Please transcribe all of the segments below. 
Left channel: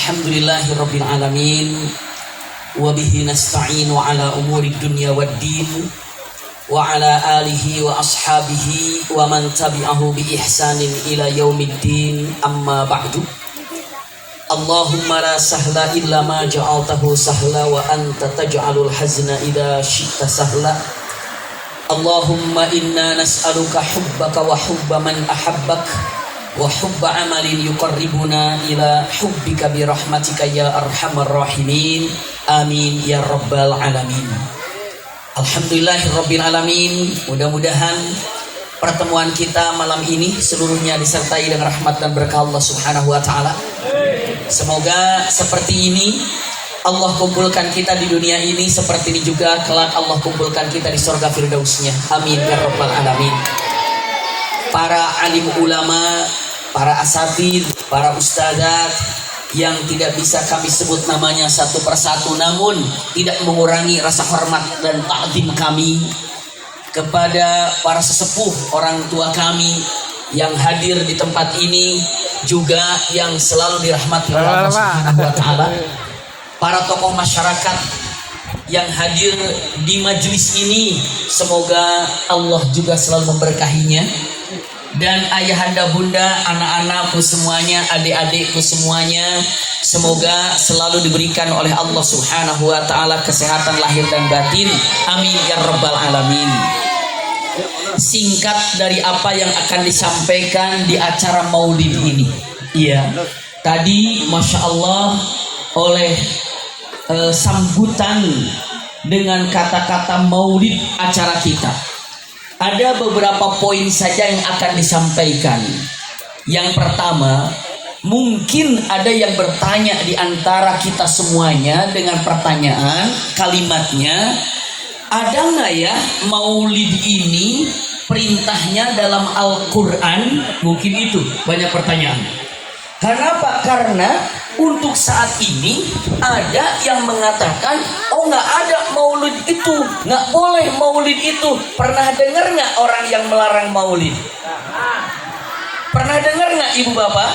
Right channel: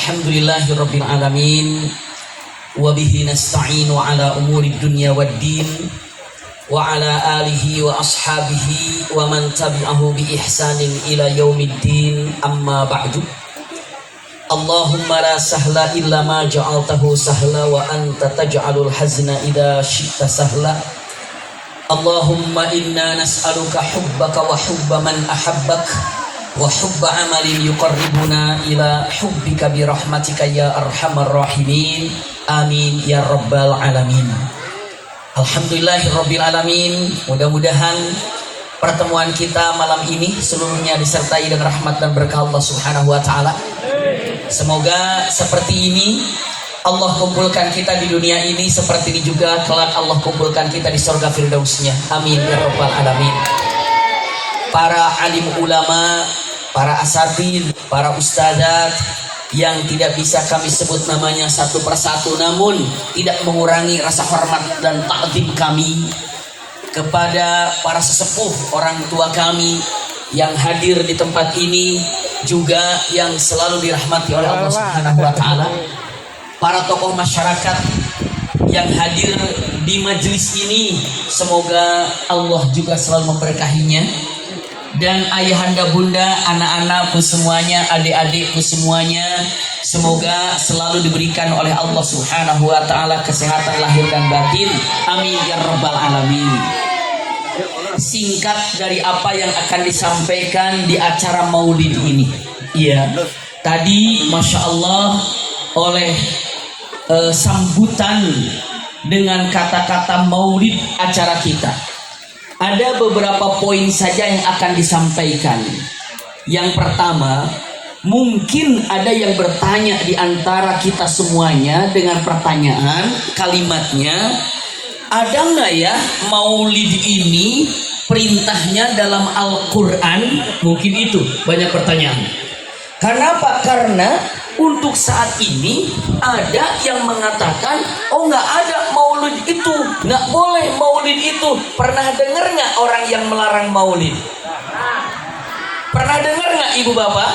Alhamdulillahirabbil alamin wa bihi nasta'inu ala umuri dunya waddin wa ala alihi wa ashabihi wa man tabi'ahu bi ihsanin ila yaumiddin amma ba'du. Allahumma la sahla illa ma ja'altahu sahla wa anta taj'alul hazna idza syi'ta sahla. Allahumma inna nas'aluka hubbaka wa hubba man ahabbak wa hubba amalin yuqarribuna ila hubbika bi rahmatika ya arhamar rahimin. Amin ya rabbal alamin. Alhamdulillahirabbil alamin. Mudah-mudahan pertemuan kita malam ini seluruhnya disertai dengan rahmat dan berkah Allah Subhanahu wa taala. Semoga seperti ini Allah kumpulkan kita di dunia ini, seperti ini juga kelak Allah kumpulkan kita di surga firdausnya. Amin ya rabbal alamin. Para alim ulama, para asatid, para ustadzat yang tidak bisa kami sebut namanya satu persatu, namun tidak mengurangi rasa hormat dan ta'zim kami kepada para sesepuh orang tua kami yang hadir di tempat ini, juga yang selalu dirahmati oleh Allah Subhanahu wa taala. Para tokoh masyarakat yang hadir di majelis ini, semoga Allah juga selalu memberkahinya. Dan ayahanda bunda, anak-anakku semuanya, adik-adikku semuanya, semoga selalu diberikan oleh Allah Subhanahu wa taala kesehatan lahir dan batin. Amin ya rabbal alamin. Singkat dari apa yang akan disampaikan di acara Maulid ini. Iya, tadi Masya Allah oleh sambutan dengan kata-kata Maulid acara kita, ada beberapa poin saja yang akan disampaikan. Yang pertama, mungkin ada yang bertanya di antara kita semuanya dengan pertanyaan, kalimatnya, ada nggak ya Maulid ini perintahnya dalam Al-Quran? Mungkin itu banyak pertanyaan. Kenapa? Karena untuk saat ini ada yang mengatakan, oh nggak ada maulid itu, nggak boleh maulid itu. Pernah dengar nggak orang yang melarang maulid? Pernah dengar nggak ibu bapak?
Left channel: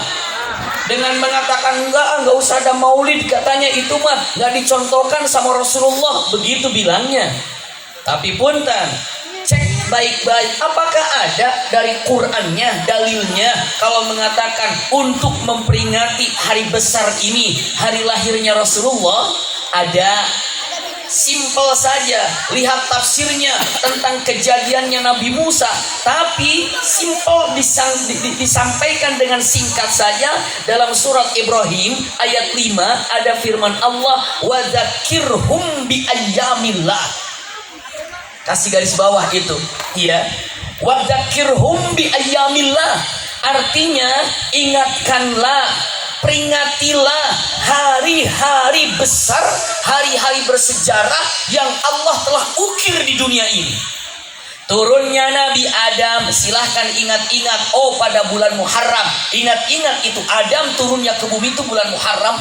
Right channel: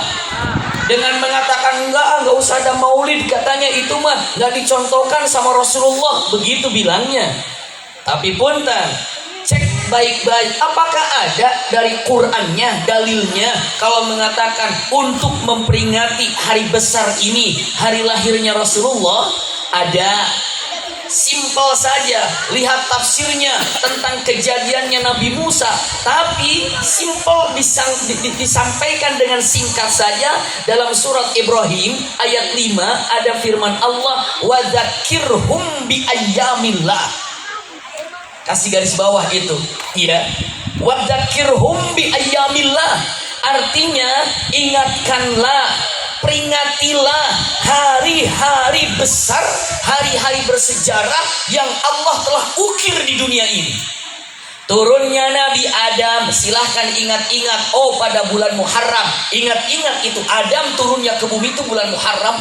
Dengan mengatakan nggak usah ada maulid, katanya itu mah nggak dicontohkan sama Rasulullah, begitu bilangnya. Tapi punten, cek baik-baik, apakah ada dari Qur'annya, dalilnya kalau mengatakan untuk memperingati hari besar ini, hari lahirnya Rasulullah? Ada. Simpel saja, lihat tafsirnya tentang kejadiannya Nabi Musa, tapi simpel disampaikan dengan singkat saja. Dalam surat Ibrahim ayat 5 ada firman Allah, wa dzakirhum bi ayyamillah. Kasih garis bawah itu, iya. Wadzakirhum bi ayyamillah, artinya ingatkanlah, peringatilah hari-hari besar, hari-hari bersejarah yang Allah telah ukir di dunia ini. Turunnya Nabi Adam, silahkan ingat-ingat, oh pada bulan Muharram. Ingat-ingat itu Adam turunnya ke bumi itu bulan Muharram.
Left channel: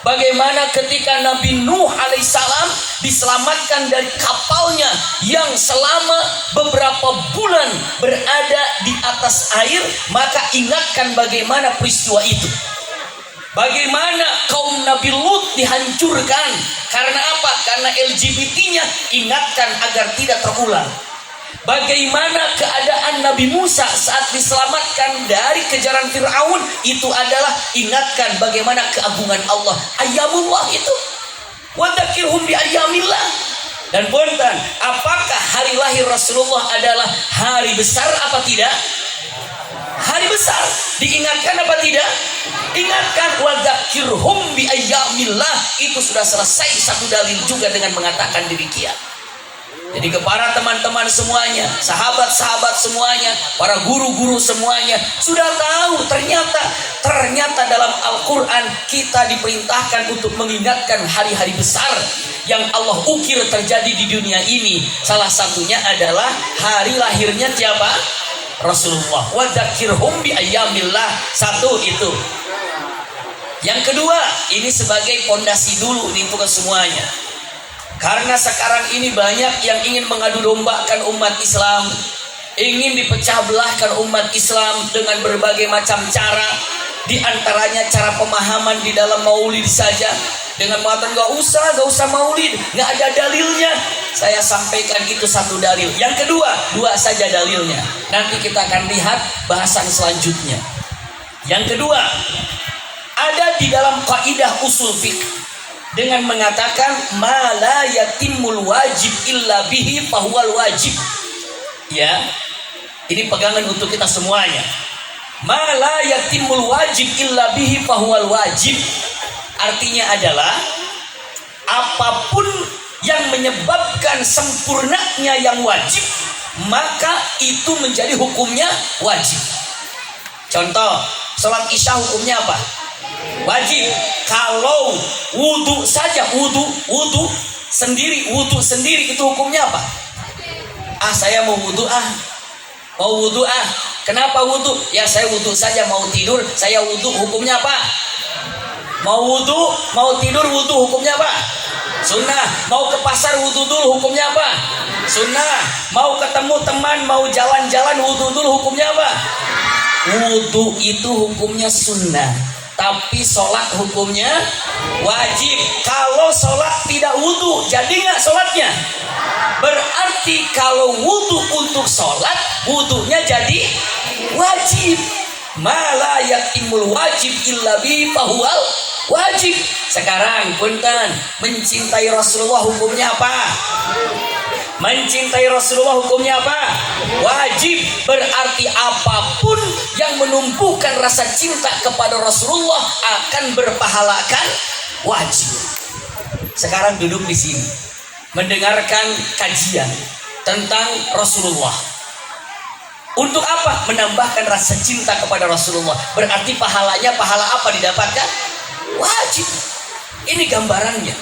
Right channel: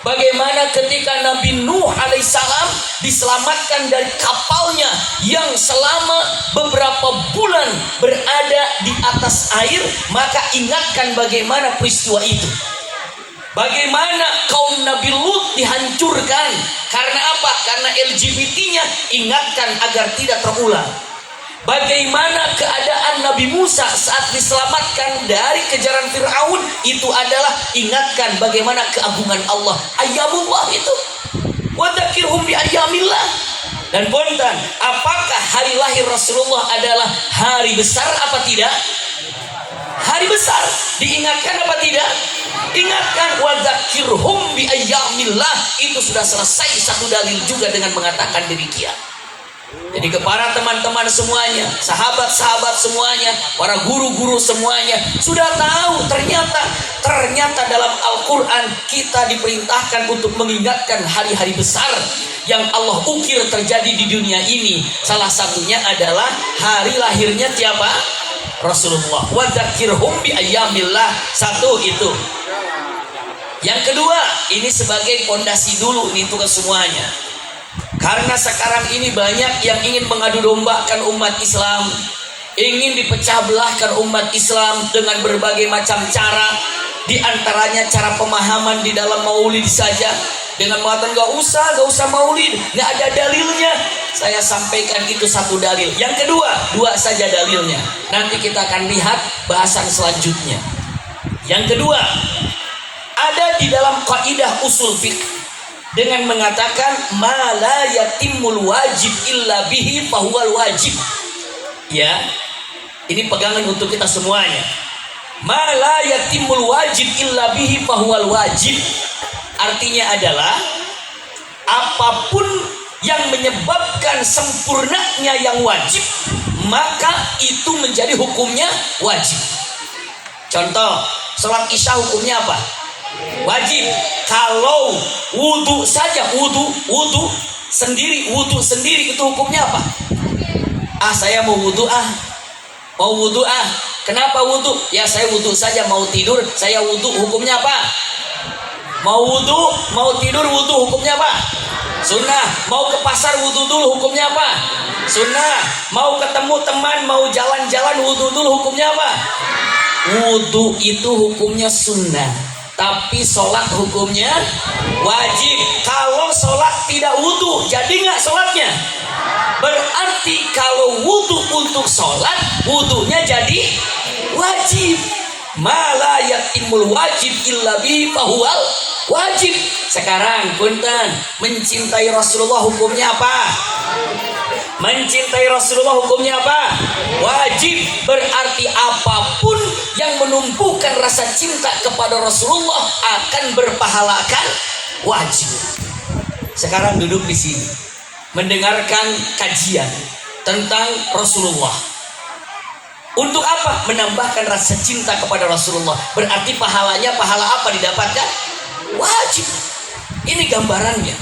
Bagaimana ketika Nabi Nuh alaihissalam diselamatkan dari kapalnya yang selama beberapa bulan berada di atas air, maka ingatkan bagaimana peristiwa itu. Bagaimana kaum Nabi Lut dihancurkan. Karena apa? Karena LGBT-nya, ingatkan agar tidak terulang. Bagaimana keadaan Nabi Musa saat diselamatkan dari kejaran Fir'aun, itu adalah ingatkan bagaimana keagungan Allah. Ayyamullah itu, wadzakirhum bi ayyamillah. Dan punten, apakah hari lahir Rasulullah adalah hari besar apa tidak? Hari besar, diingatkan apa tidak? Ingatkan, wadzakirhum bi ayyamillah. Itu sudah selesai satu dalil juga dengan mengatakan demikian. Jadi kepada teman-teman semuanya, sahabat-sahabat semuanya, para guru-guru semuanya, sudah tahu ternyata dalam Al-Quran kita diperintahkan untuk mengingatkan hari-hari besar yang Allah ukir terjadi di dunia ini. Salah satunya adalah hari lahirnya siapa? Rasulullah. Wadzakirhum bi ayyamillah. Satu itu. Yang kedua, ini sebagai pondasi dulu nih untuk semuanya. Karena sekarang ini banyak yang ingin mengadu dombakan umat Islam, ingin dipecah belahkan umat Islam dengan berbagai macam cara, Di antaranya cara pemahaman di dalam maulid saja, dengan mengatakan gak usah maulid, gak ada dalilnya. Saya sampaikan itu satu dalil. Yang kedua, dua saja dalilnya. Nanti kita akan lihat bahasan selanjutnya. Yang kedua, ada di dalam kaidah usul fiqh dengan mengatakan ma la yatimul wajib illa bihi fahuwal wajib. Ya, ini pegangan untuk kita semuanya. Ma la yatimul wajib illa bihi fahuwal wajib. Artinya adalah apapun yang menyebabkan sempurnanya yang wajib, maka itu menjadi hukumnya wajib. Contoh, sholat isya hukumnya apa? Wajib. Kalau wudu saja, wudu sendiri itu hukumnya apa? Saya mau wudu Kenapa wudu? Ya saya wudu saja, mau tidur saya wudu, hukumnya apa? Mau tidur wudu, hukumnya apa? Sunnah. Mau ke pasar wudu dulu, hukumnya apa? Sunnah. Mau ketemu teman, mau jalan-jalan wudu dulu, hukumnya apa? Wudu itu hukumnya sunnah, tapi sholat hukumnya wajib. Kalau sholat tidak wudu, jadi nggak sholatnya? Berarti kalau wudu untuk sholat, wudunya jadi wajib. Mala yatimul wajib illa bi fahuwal wajib. Sekarang punten, mencintai Rasulullah hukumnya apa? Mencintai Rasulullah hukumnya apa? Wajib. Berarti apapun yang menumbuhkan rasa cinta kepada Rasulullah akan berpahalakan wajib. Sekarang duduk di sini mendengarkan kajian tentang Rasulullah. Untuk apa? Menambahkan rasa cinta kepada Rasulullah. Berarti pahalanya, pahala apa didapatkan? Wajib. Ini gambarannya.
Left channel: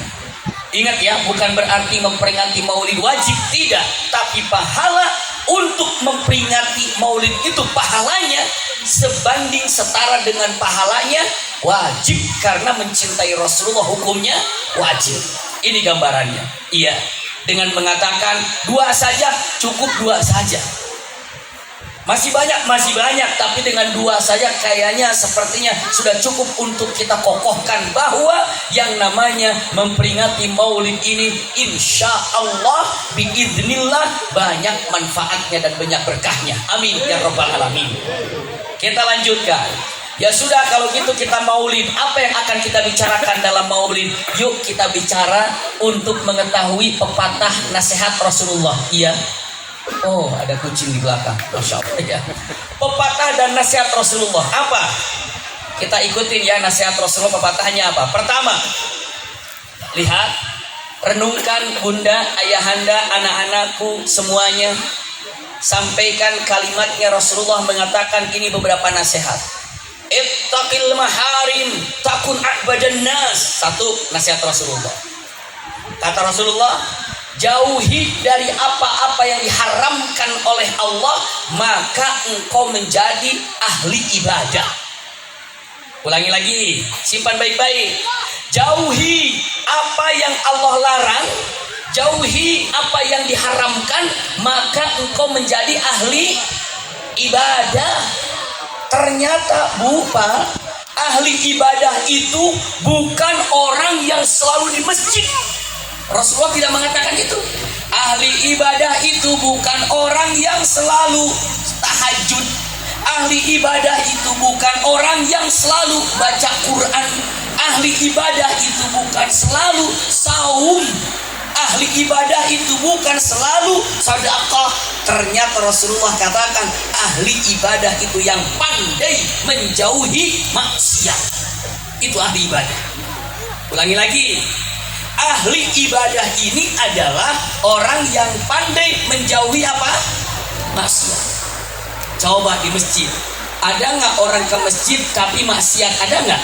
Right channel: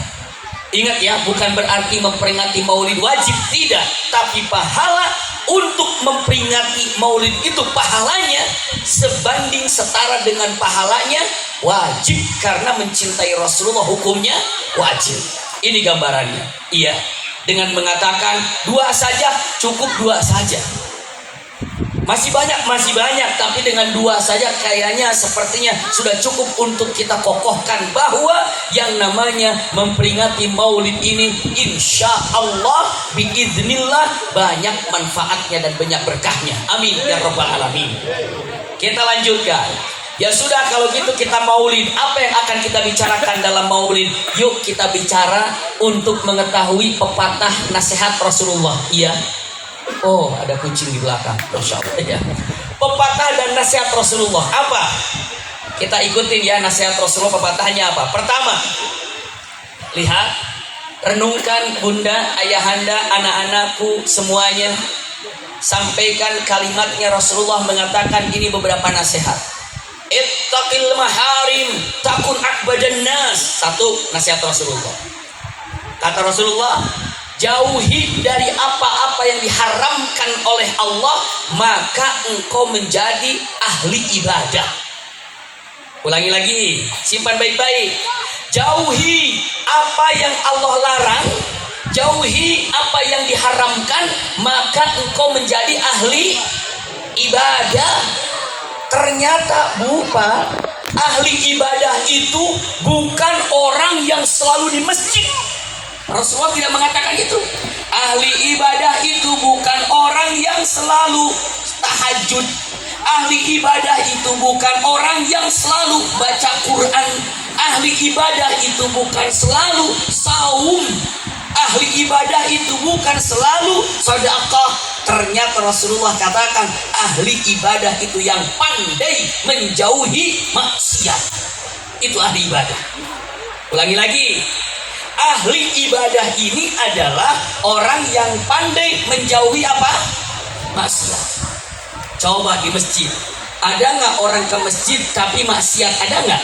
Ingat ya, bukan berarti memperingati maulid wajib, tidak. Tapi pahala untuk memperingati maulid itu pahalanya sebanding setara dengan pahalanya wajib. Karena mencintai Rasulullah hukumnya wajib. Ini gambarannya. Iya. Dengan mengatakan dua saja, cukup dua saja. Masih banyak, tapi dengan dua saja kayaknya sepertinya sudah cukup untuk kita kokohkan bahwa yang namanya memperingati maulid ini insya Allah biiznillah banyak manfaatnya dan banyak berkahnya. Amin ya rabbal alamin. Kita lanjutkan. Ya sudah, kalau gitu kita maulid. Apa yang akan kita bicarakan dalam maulid? Yuk kita bicara untuk mengetahui pepatah nasihat Rasulullah. Iya. Oh, ada kucing di belakang. Masya Allah ya. Pepatah dan nasihat Rasulullah apa? Kita ikutin ya nasihat Rasulullah. Pepatahnya apa? Pertama, lihat, renungkan bunda, ayahanda, anak-anakku semuanya. Sampaikan kalimatnya. Rasulullah mengatakan ini beberapa nasihat. Ittaqil maharim takun a'badan nas. Satu nasihat Rasulullah. Kata Rasulullah, jauhi dari apa-apa yang diharamkan oleh Allah, maka engkau menjadi ahli ibadah. Ulangi lagi, simpan baik-baik. Jauhi apa yang Allah larang, jauhi apa yang diharamkan, maka engkau menjadi ahli ibadah. Ternyata bukan. Ahli ibadah itu bukan orang yang selalu di masjid. Rasulullah tidak mengatakan itu. Ahli ibadah itu bukan orang yang selalu tahajud. Ahli ibadah itu bukan orang yang selalu baca Quran. Ahli ibadah itu bukan selalu saum. Ahli ibadah itu bukan selalu sedekah. Ternyata Rasulullah katakan ahli ibadah itu yang pandai menjauhi maksiat. Itu ahli ibadah. Ulangi lagi. Ahli ibadah ini adalah orang yang pandai menjauhi apa? Maksiat. Coba di masjid, ada nggak orang ke masjid tapi maksiat? Ada nggak?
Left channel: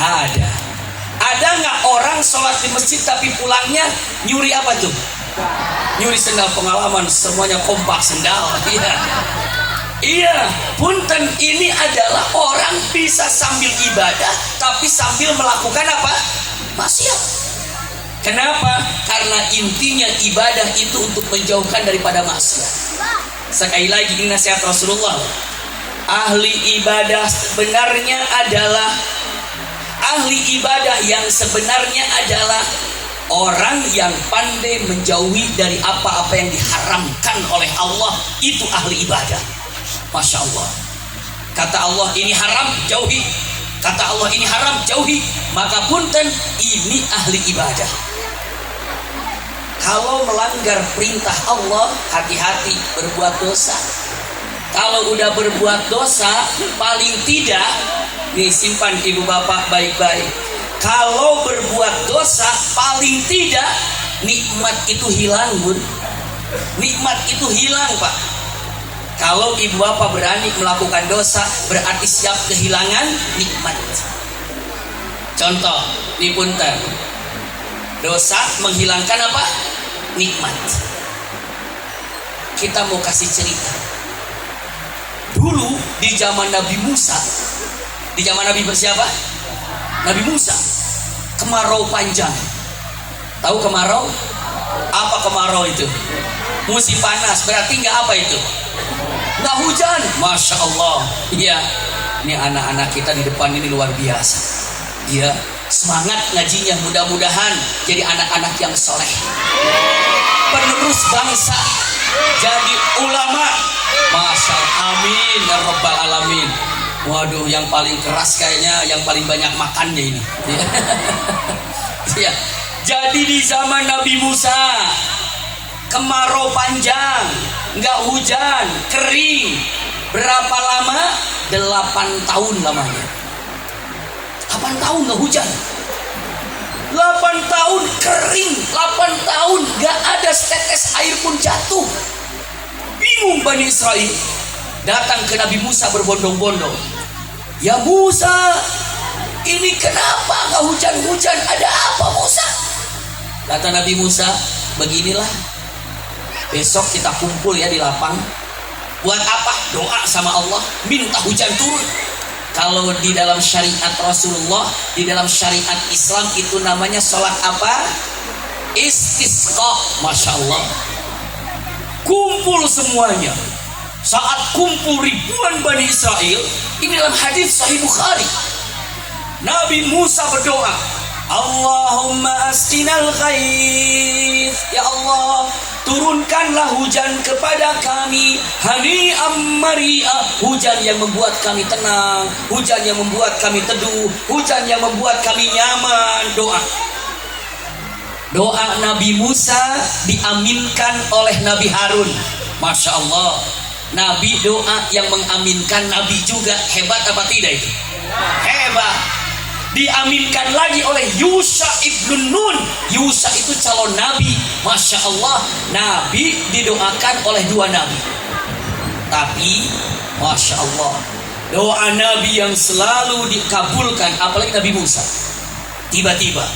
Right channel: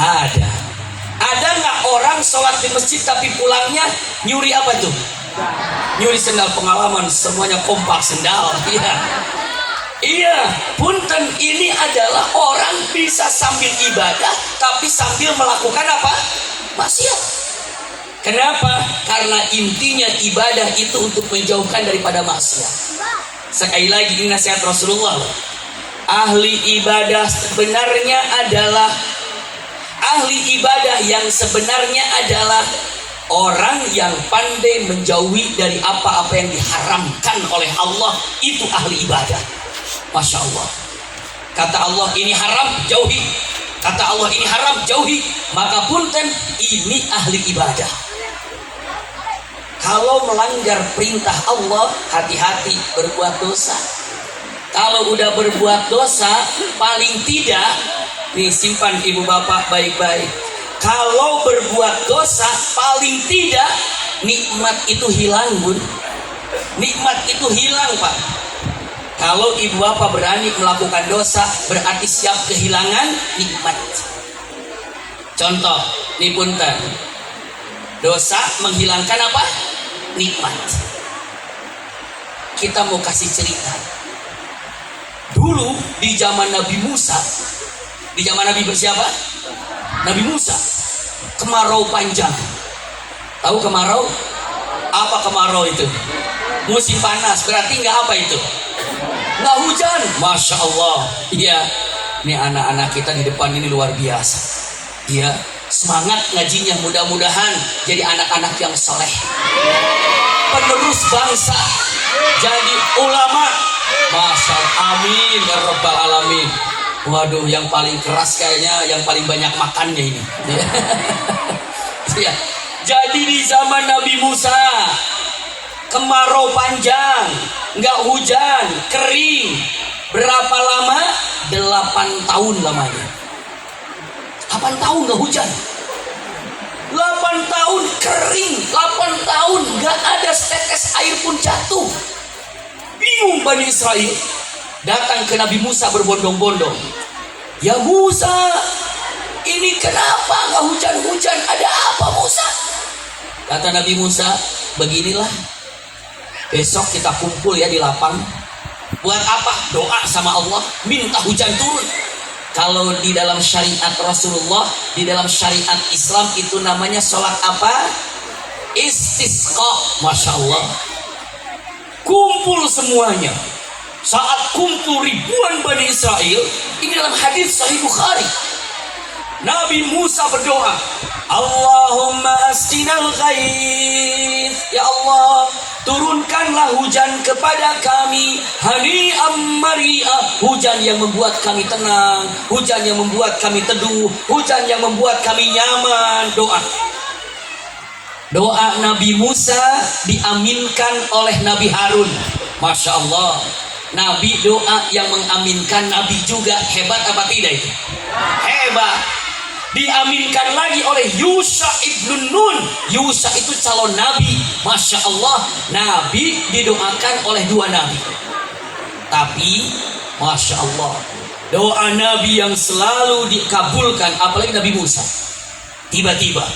Ada. Ada nggak orang sholat di masjid tapi pulangnya nyuri apa tuh? Nyuri sendal. Pengalaman semuanya kompak sendal. Iya. Iya, punten, ini adalah orang bisa sambil ibadah tapi sambil melakukan apa? Maksiat. Kenapa? Karena intinya ibadah itu untuk menjauhkan daripada maksiat. Sekali lagi ini nasihat Rasulullah. Ahli ibadah sebenarnya adalah orang yang pandai menjauhi dari apa-apa yang diharamkan oleh Allah. Itu ahli ibadah. Masya Allah. Kata Allah ini haram, jauhi. Kata Allah ini haram, jauhi. Maka punten, ini ahli ibadah. Kalau melanggar perintah Allah, hati-hati berbuat dosa. Kalau udah berbuat dosa, paling tidak, nih simpan ibu bapak baik-baik. Kalau berbuat dosa, paling tidak nikmat itu hilang, Bun. Nikmat itu hilang, Pak. Kalau ibu bapak berani melakukan dosa, berarti siap kehilangan nikmat. Contoh, nih punten. Dosa menghilangkan apa? Nikmat. Kita mau kasih cerita. Dulu di zaman Nabi Musa, di zaman Nabi bersiapa? Nabi Musa. Kemarau panjang. Tahu kemarau? Apa kemarau itu? Musim panas. Berarti nggak apa itu? Nggak hujan. Masya Allah. Iya. Ini anak-anak kita di depan ini luar biasa. Iya. Semangat ngajinya, mudah-mudahan jadi anak-anak yang soleh, penerus bangsa, jadi ulama. Masya Allah, amin ya rabbal alamin. Waduh, yang paling keras kayaknya yang paling banyak makannya ini. Ya. Jadi di zaman Nabi Musa, kemarau panjang, nggak hujan, kering. Berapa lama? 8 tahun lamanya. 8 tahun nggak hujan. 8 tahun kering. 8 tahun nggak ada setetes air pun jatuh. Bingung Bani Israel. Datang ke Nabi Musa berbondong-bondong. Ya Musa, ini kenapa nggak hujan-hujan? Ada apa Musa? Kata Nabi Musa, beginilah. Besok kita kumpul ya di lapang. Buat apa? Doa sama Allah, minta hujan turun. Kalau di dalam syariat Rasulullah, di dalam syariat Islam itu namanya sholat apa? Istisqa. Masya Allah. Kumpul semuanya. Saat kumpul ribuan Bani Israel, ini dalam hadis Sahih Bukhari, Nabi Musa berdoa, Allahumma asqinal ghais. Ya Allah, turunkanlah hujan kepada kami. Hani'am mari'ah. Hujan yang membuat kami tenang, hujan yang membuat kami teduh, hujan yang membuat kami nyaman. Doa Nabi Musa diaminkan oleh Nabi Harun. Masya Allah. Nabi doa yang mengaminkan, Nabi juga. Hebat apa tidak itu? Hebat. Diaminkan lagi oleh Yusha ibn Nun. Yusha itu calon Nabi. Masya Allah. Nabi didoakan oleh 2 Nabi. Tapi Masya Allah, doa Nabi yang selalu dikabulkan, apalagi Nabi Musa. Tiba-tiba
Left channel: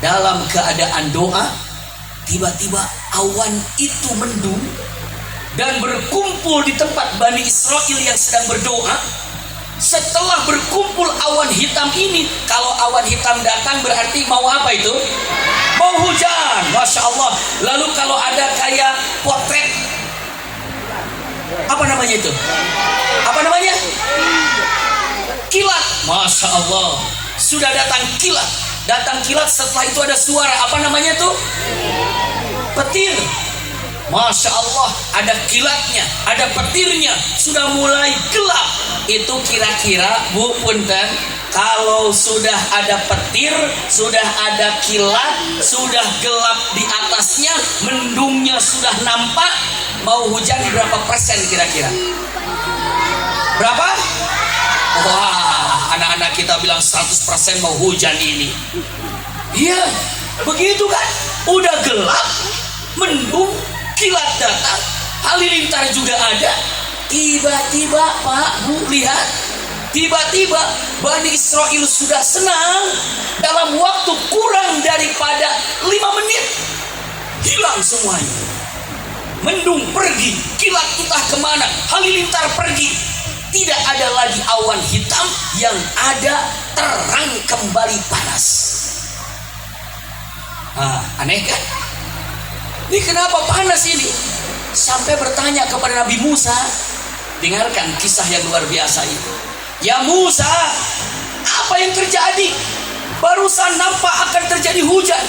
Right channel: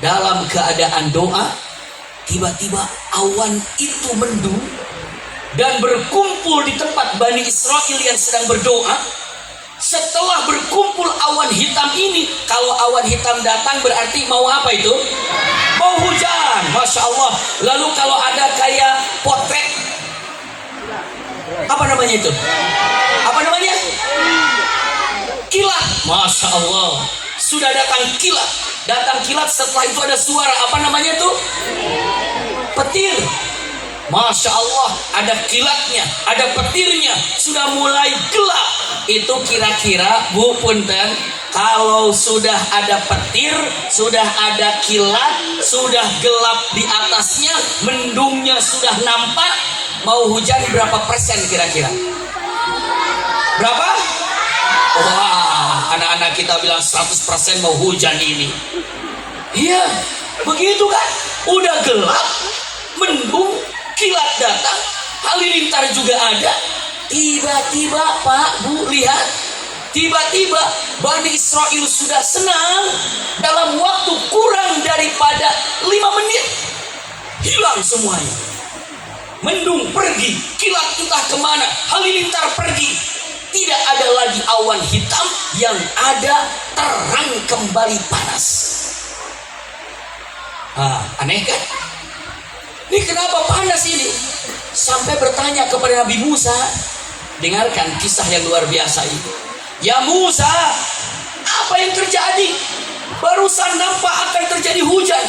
dalam keadaan doa, tiba-tiba awan itu mendung dan berkumpul di tempat Bani Israel yang sedang berdoa. Setelah berkumpul awan hitam ini, kalau awan hitam datang berarti mau apa itu? Mau hujan. Masya Allah. Lalu kalau ada kayak potret, apa namanya itu? Apa namanya? Kilat. Masya Allah. Sudah datang kilat. Datang kilat, setelah itu ada suara. Apa namanya tuh? Petir. Masya Allah, ada kilatnya, ada petirnya, sudah mulai gelap. Itu kira-kira, Bu punten, kalau sudah ada petir, sudah ada kilat, sudah gelap di atasnya, mendungnya sudah nampak, mau hujan berapa persen kira-kira? Berapa? Wah, anak-anak kita bilang 100% mau hujan ini. Iya, begitu kan? Udah gelap, mendung, kilat datang, halilintar juga ada. Tiba-tiba Pak, Bu, lihat. Tiba-tiba Bani Israel sudah senang. Dalam waktu kurang daripada 5 menit, hilang semuanya. Mendung pergi, kilat entah kemana, halilintar pergi. Tidak ada lagi awan hitam, yang ada terang kembali panas. Aneh kan? Ini kenapa panas ini? Sampai bertanya kepada Nabi Musa, Dengarkan kisah yang luar biasa itu. Ya Musa, apa yang terjadi? Barusan nampak akan terjadi hujan,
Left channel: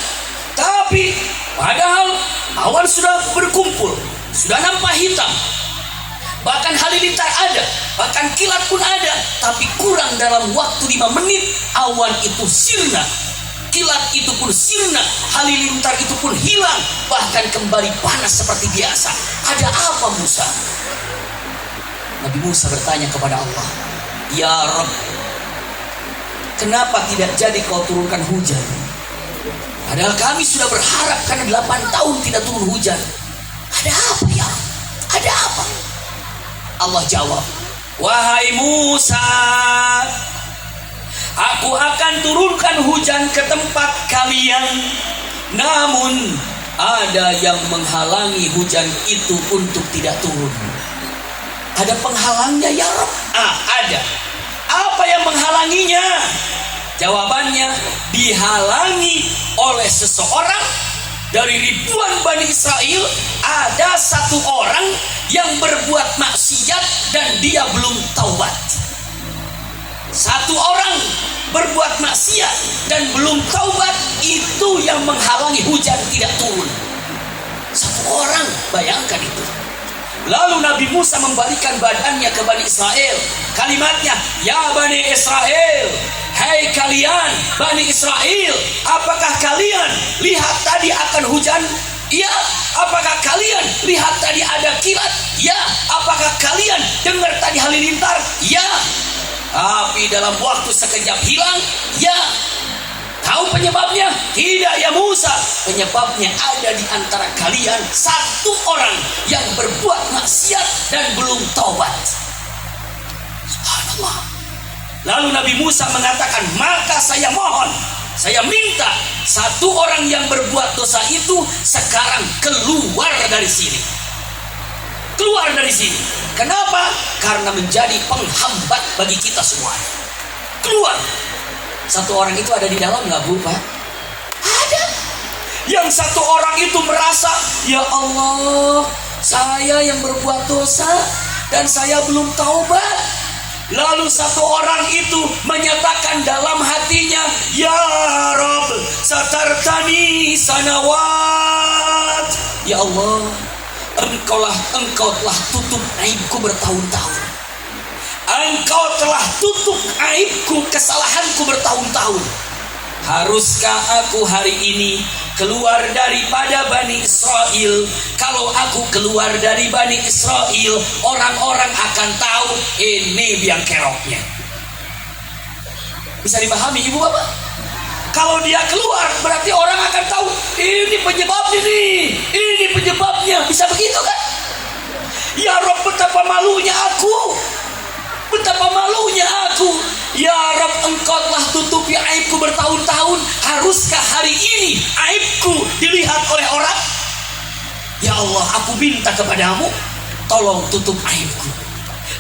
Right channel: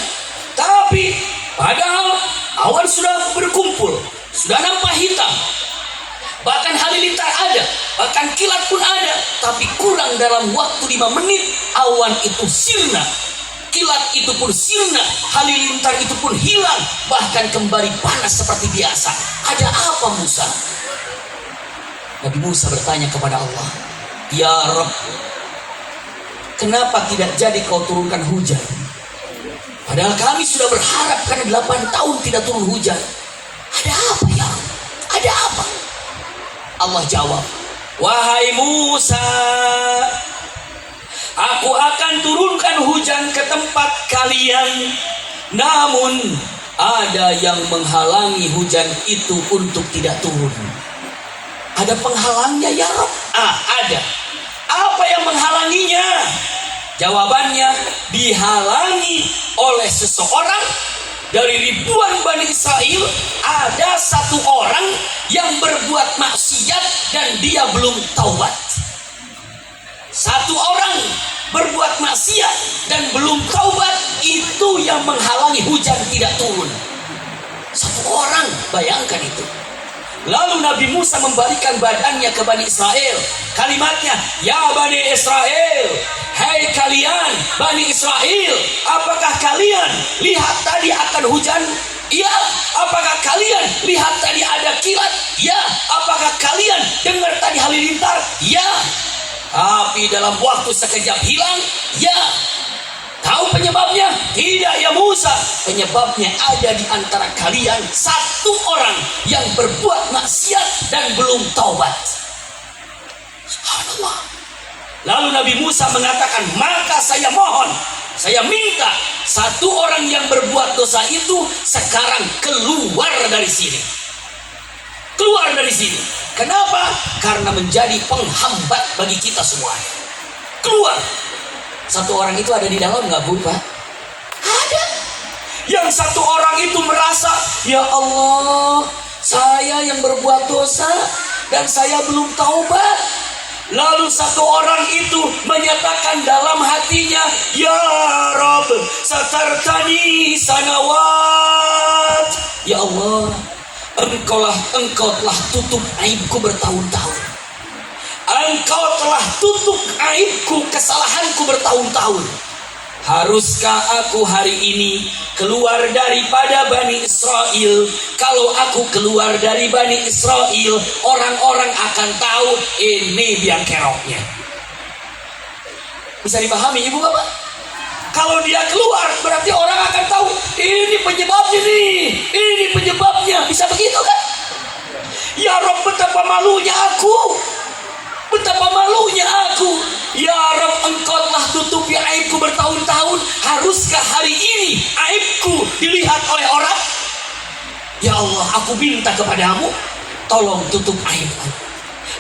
tapi padahal awan sudah berkumpul, sudah nampak hitam. Bahkan halilintar ada, bahkan kilat pun ada, tapi kurang dalam waktu 5 menit awan itu sirna, kilat itu pun sirna, halilintar itu pun hilang, bahkan kembali panas seperti biasa. Ada apa Musa? Nabi Musa bertanya kepada Allah, Ya Rabb, kenapa tidak jadi kau turunkan hujan? Padahal kami sudah berharap karena 8 tahun tidak turun hujan. Ada apa ya? Ada apa? Allah jawab, wahai Musa, aku akan turunkan hujan ke tempat kalian, namun ada yang menghalangi hujan itu untuk tidak turun. Ada penghalangnya ya Rabb? Ada. Apa yang menghalanginya? Jawabannya, dihalangi oleh seseorang. Dari ribuan Bani Israel, ada satu orang yang berbuat maksiat dan dia belum taubat. Satu orang berbuat maksiat dan belum taubat, itu yang menghalangi hujan tidak turun. Satu orang, bayangkan itu. Lalu Nabi Musa membalikan badannya ke Bani Israel. Kalimatnya, Ya Bani Israel, hai kalian Bani Israel, apakah kalian lihat tadi akan hujan? Ya. Apakah kalian lihat tadi ada kilat? Ya. Apakah kalian dengar tadi halilintar? Ya. Tapi dalam waktu sekejap hilang? Ya. Tahu penyebabnya? Tidak ya Musa. Penyebabnya ada di antara kalian satu orang yang berbuat maksiat dan belum taubat. Subhanallah. Lalu Nabi Musa mengatakan, maka saya mohon, saya minta satu orang yang berbuat dosa itu sekarang keluar dari sini. Keluar dari sini. Kenapa? Karena menjadi penghambat bagi kita semua. Keluar. Satu orang itu ada di dalam nggak Bu Pak? Ada. Yang satu orang itu merasa, ya Allah, saya yang berbuat dosa dan saya belum taubat. Lalu satu orang itu menyatakan dalam hatinya, Ya Rabb, satartani sanawat. Ya Allah, Engkau telah tutup aibku bertahun-tahun. Engkau telah tutup aibku, kesalahanku bertahun-tahun. Haruskah aku hari ini keluar daripada Bani Israel? Kalau aku keluar dari Bani Israel, orang-orang akan tahu ini biang keroknya. Bisa dipahami Ibu Bapak? Kalau dia keluar, berarti orang akan tahu ini penyebabnya nih, ini penyebabnya. Bisa begitu kan? Ya Rabb, betapa malunya aku. Betapa malunya aku. Ya Rabb, Engkau telah tutupi aibku bertahun-tahun. Haruskah hari ini aibku dilihat oleh orang? Ya Allah, aku minta kepadamu, tolong tutup aibku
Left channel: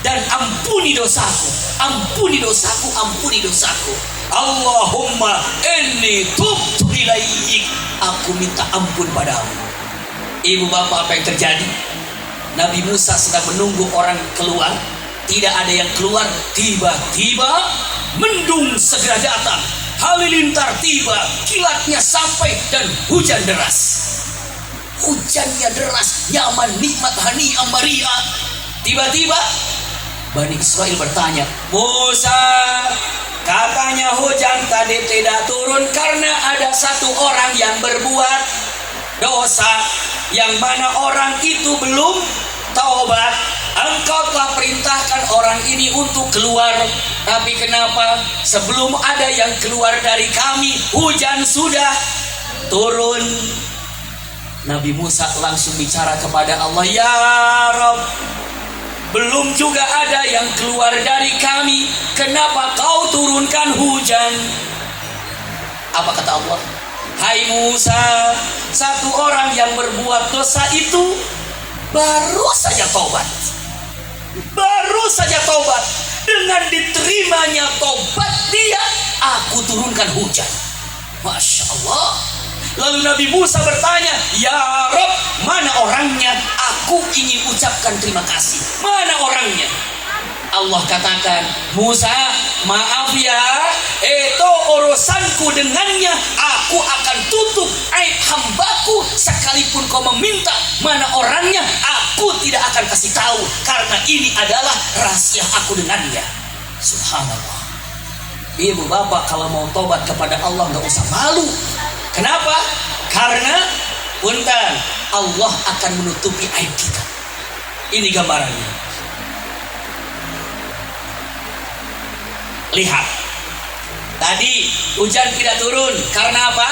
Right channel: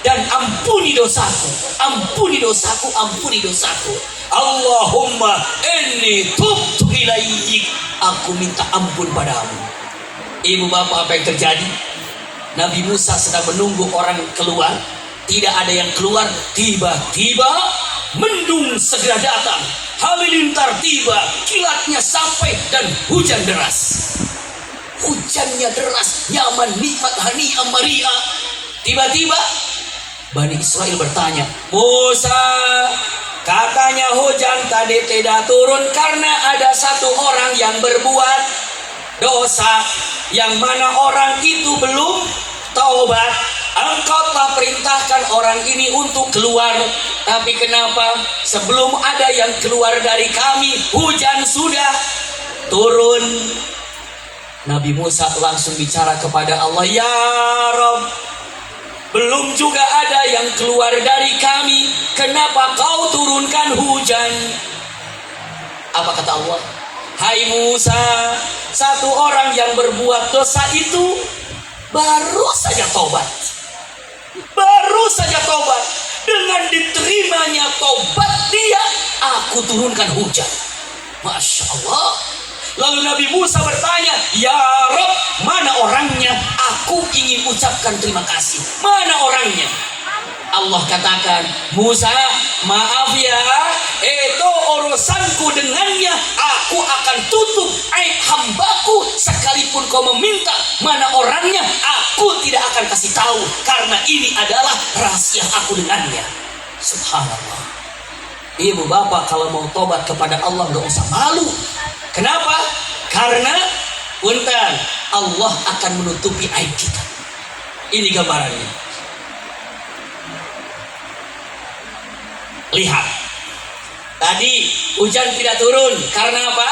dan ampuni dosaku. Ampuni dosaku, ampuni dosaku. Allahumma inni tubtu ilaik. Aku minta ampun padamu. Ibu bapak, apa yang terjadi? Nabi Musa sedang menunggu orang keluar. Tidak ada yang keluar. Tiba-tiba mendung segera datang, halilintar tiba, kilatnya sampai, dan hujan deras. Hujannya deras, nyaman, nikmat, hani'an mari'a. Tiba-tiba Bani Israel bertanya, Musa, katanya hujan tadi tidak turun karena ada satu orang yang berbuat dosa, yang mana orang itu belum taubat. Engkau telah perintahkan orang ini untuk keluar, tapi kenapa sebelum ada yang keluar dari kami, hujan sudah turun? Nabi Musa langsung bicara kepada Allah, Ya Rabb, belum juga ada yang keluar dari kami, kenapa kau turunkan hujan? Apa kata Allah? Hai Musa, satu orang yang berbuat dosa itu baru saja taubat. Baru saja taubat. Dengan diterimanya taubat dia, aku turunkan hujan. Masya Allah. Lalu Nabi Musa bertanya, "Ya Rob, mana orangnya? Aku ingin ucapkan terima kasih. Mana orangnya?" Allah katakan, "Musa, maaf ya, itu urusanku dengannya. Aku akan tutup aib hambaku sekalipun kau meminta mana orangnya, aku tidak akan kasih tahu karena ini adalah rahasia aku dengannya." Subhanallah. Ibu bapak kalau mau tobat kepada Allah nggak usah malu. Kenapa? Karena punten Allah akan menutupi aib kita. Ini gambarannya. Lihat, tadi hujan tidak turun karena apa?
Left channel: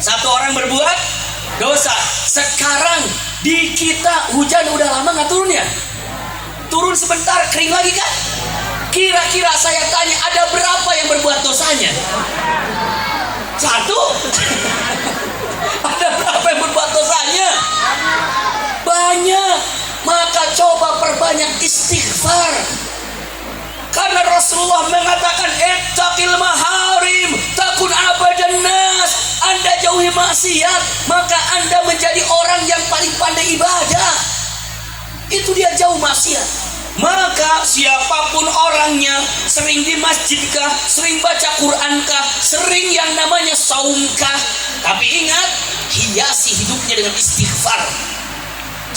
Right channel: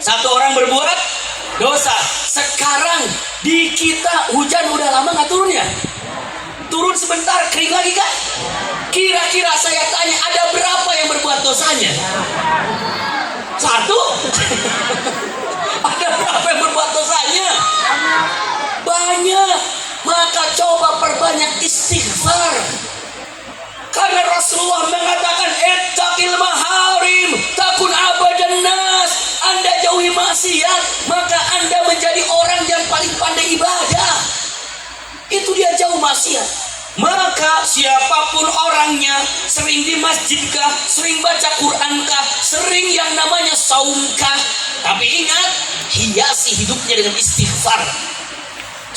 Satu orang berbuat dosa. Sekarang di kita hujan udah lama nggak turun ya? Turun sebentar kering lagi kan? Kira-kira saya tanya, ada berapa yang berbuat dosanya? Satu? Ada berapa yang berbuat dosanya? Banyak. Maka coba perbanyak istighfar. Karena Rasulullah mengatakan, "Ittaqil maharim, takun abadan nas." Anda jauhi maksiat, maka Anda menjadi orang yang paling pandai ibadah. Itu dia jauh maksiat. Maka siapapun orangnya, sering di masjidkah, sering baca Qurankah, sering yang namanya saumkah, tapi ingat, hiasi hidupnya dengan istighfar.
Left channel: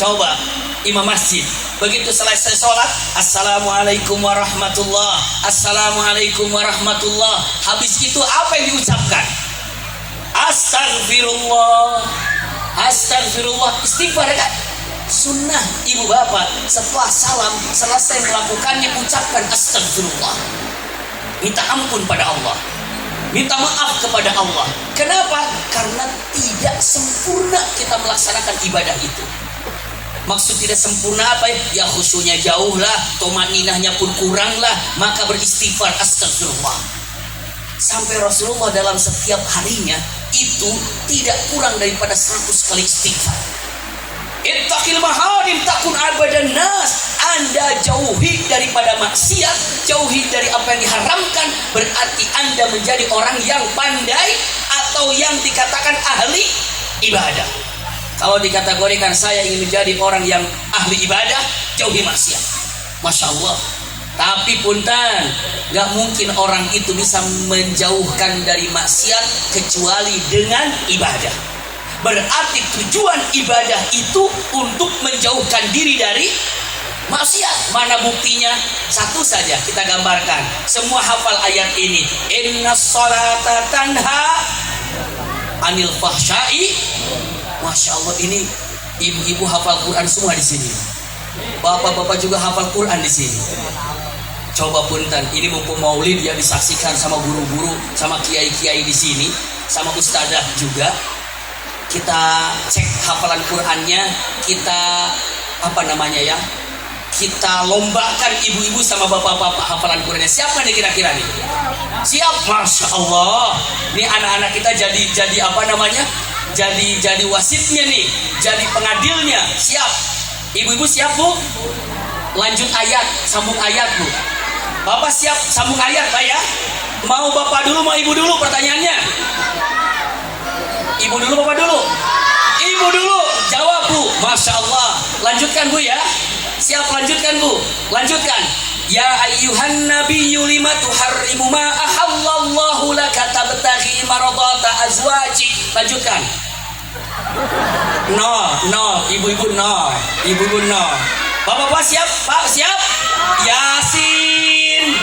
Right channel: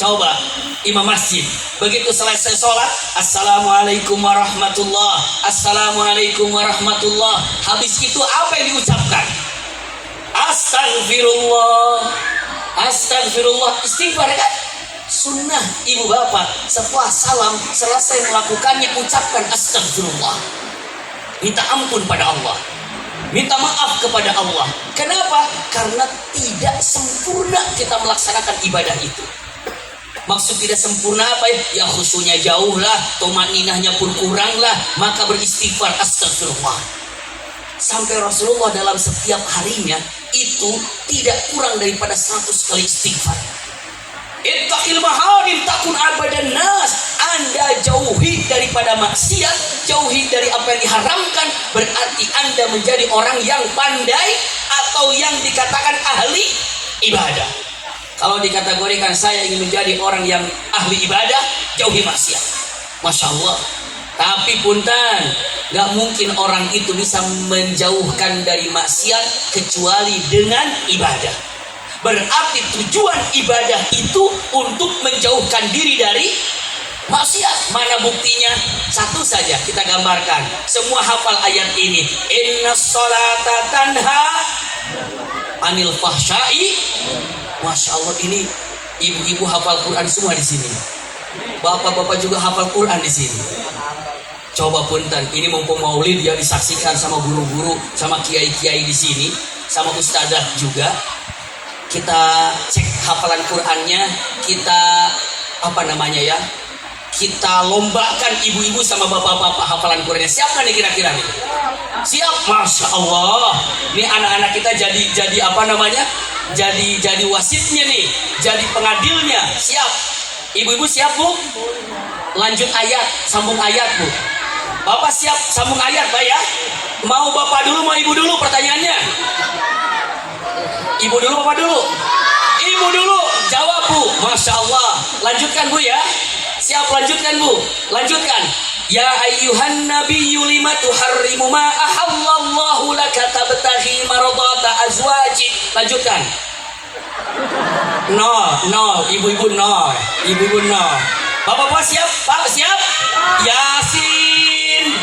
Coba imam masjid begitu selesai sholat, "Assalamualaikum warahmatullah, assalamualaikum warahmatullah." Habis itu apa yang diucapkan? Astagfirullah, astagfirullah. Istighfar kan? Sunnah ibu bapak, setelah salam selesai melakukannya ucapkan astagfirullah. Minta ampun pada Allah, minta maaf kepada Allah. Kenapa? Karena tidak sempurna kita melaksanakan ibadah itu. Maksud tidak sempurna apa ya? Ya khusyuknya jauh lah, tumaninahnya pun kurang lah, maka beristighfar astagfirullah. Sampai Rasulullah dalam setiap harinya itu tidak kurang daripada 100 kali istighfar. Ittaqil maharim takun abadan nas. Anda jauhi daripada maksiat, jauhi dari apa yang diharamkan, berarti Anda menjadi orang yang pandai atau yang dikatakan ahli ibadah. Kalau dikategorikan saya ingin menjadi orang yang ahli ibadah, jauhi maksiat. Masya Allah. Tapi punten, gak mungkin orang itu bisa menjauhkan dari maksiat kecuali dengan ibadah. Berarti tujuan ibadah itu untuk menjauhkan diri dari maksiat. Mana buktinya? Satu saja kita gambarkan. Semua hafal ayat ini. Innas sholata tanha anil fahsyai. Masya Allah, ini ibu-ibu hafal Quran semua di sini. Bapak-bapak juga hafal Quran di sini. Coba punten, ini mumpung maulid ya disaksikan sama guru-guru, sama kiai-kiai di sini, sama ustadzah juga. Kita cek hafalan Qurannya, kita kita lombakan ibu-ibu sama bapak-bapak hafalan Qurannya. Siap nggak nih kira-kira nih? Siap, Masya Allah. Ini anak-anak kita jadi wasitnya nih, jadi pengadilnya. Siap, ibu-ibu siap bu? Lanjut ayat, sambung ayat bu. Bapak siap sambung ayat pak ya? Mau bapak dulu, mau ibu dulu pertanyaannya? Ibu dulu, bapak dulu? Ibu dulu, jawab bu. Masya Allah. Lanjutkan bu ya. Siap, lanjutkan bu. Lanjutkan. Ya ayyuhan nabiyyu lima tuharrimu ma ahallallahu laka tabtaghi maradata azwajik. Lanjutkan. No, ibu-ibu no. Ibu-ibu no. Bapak-bapak siap? Pak siap? Yasin.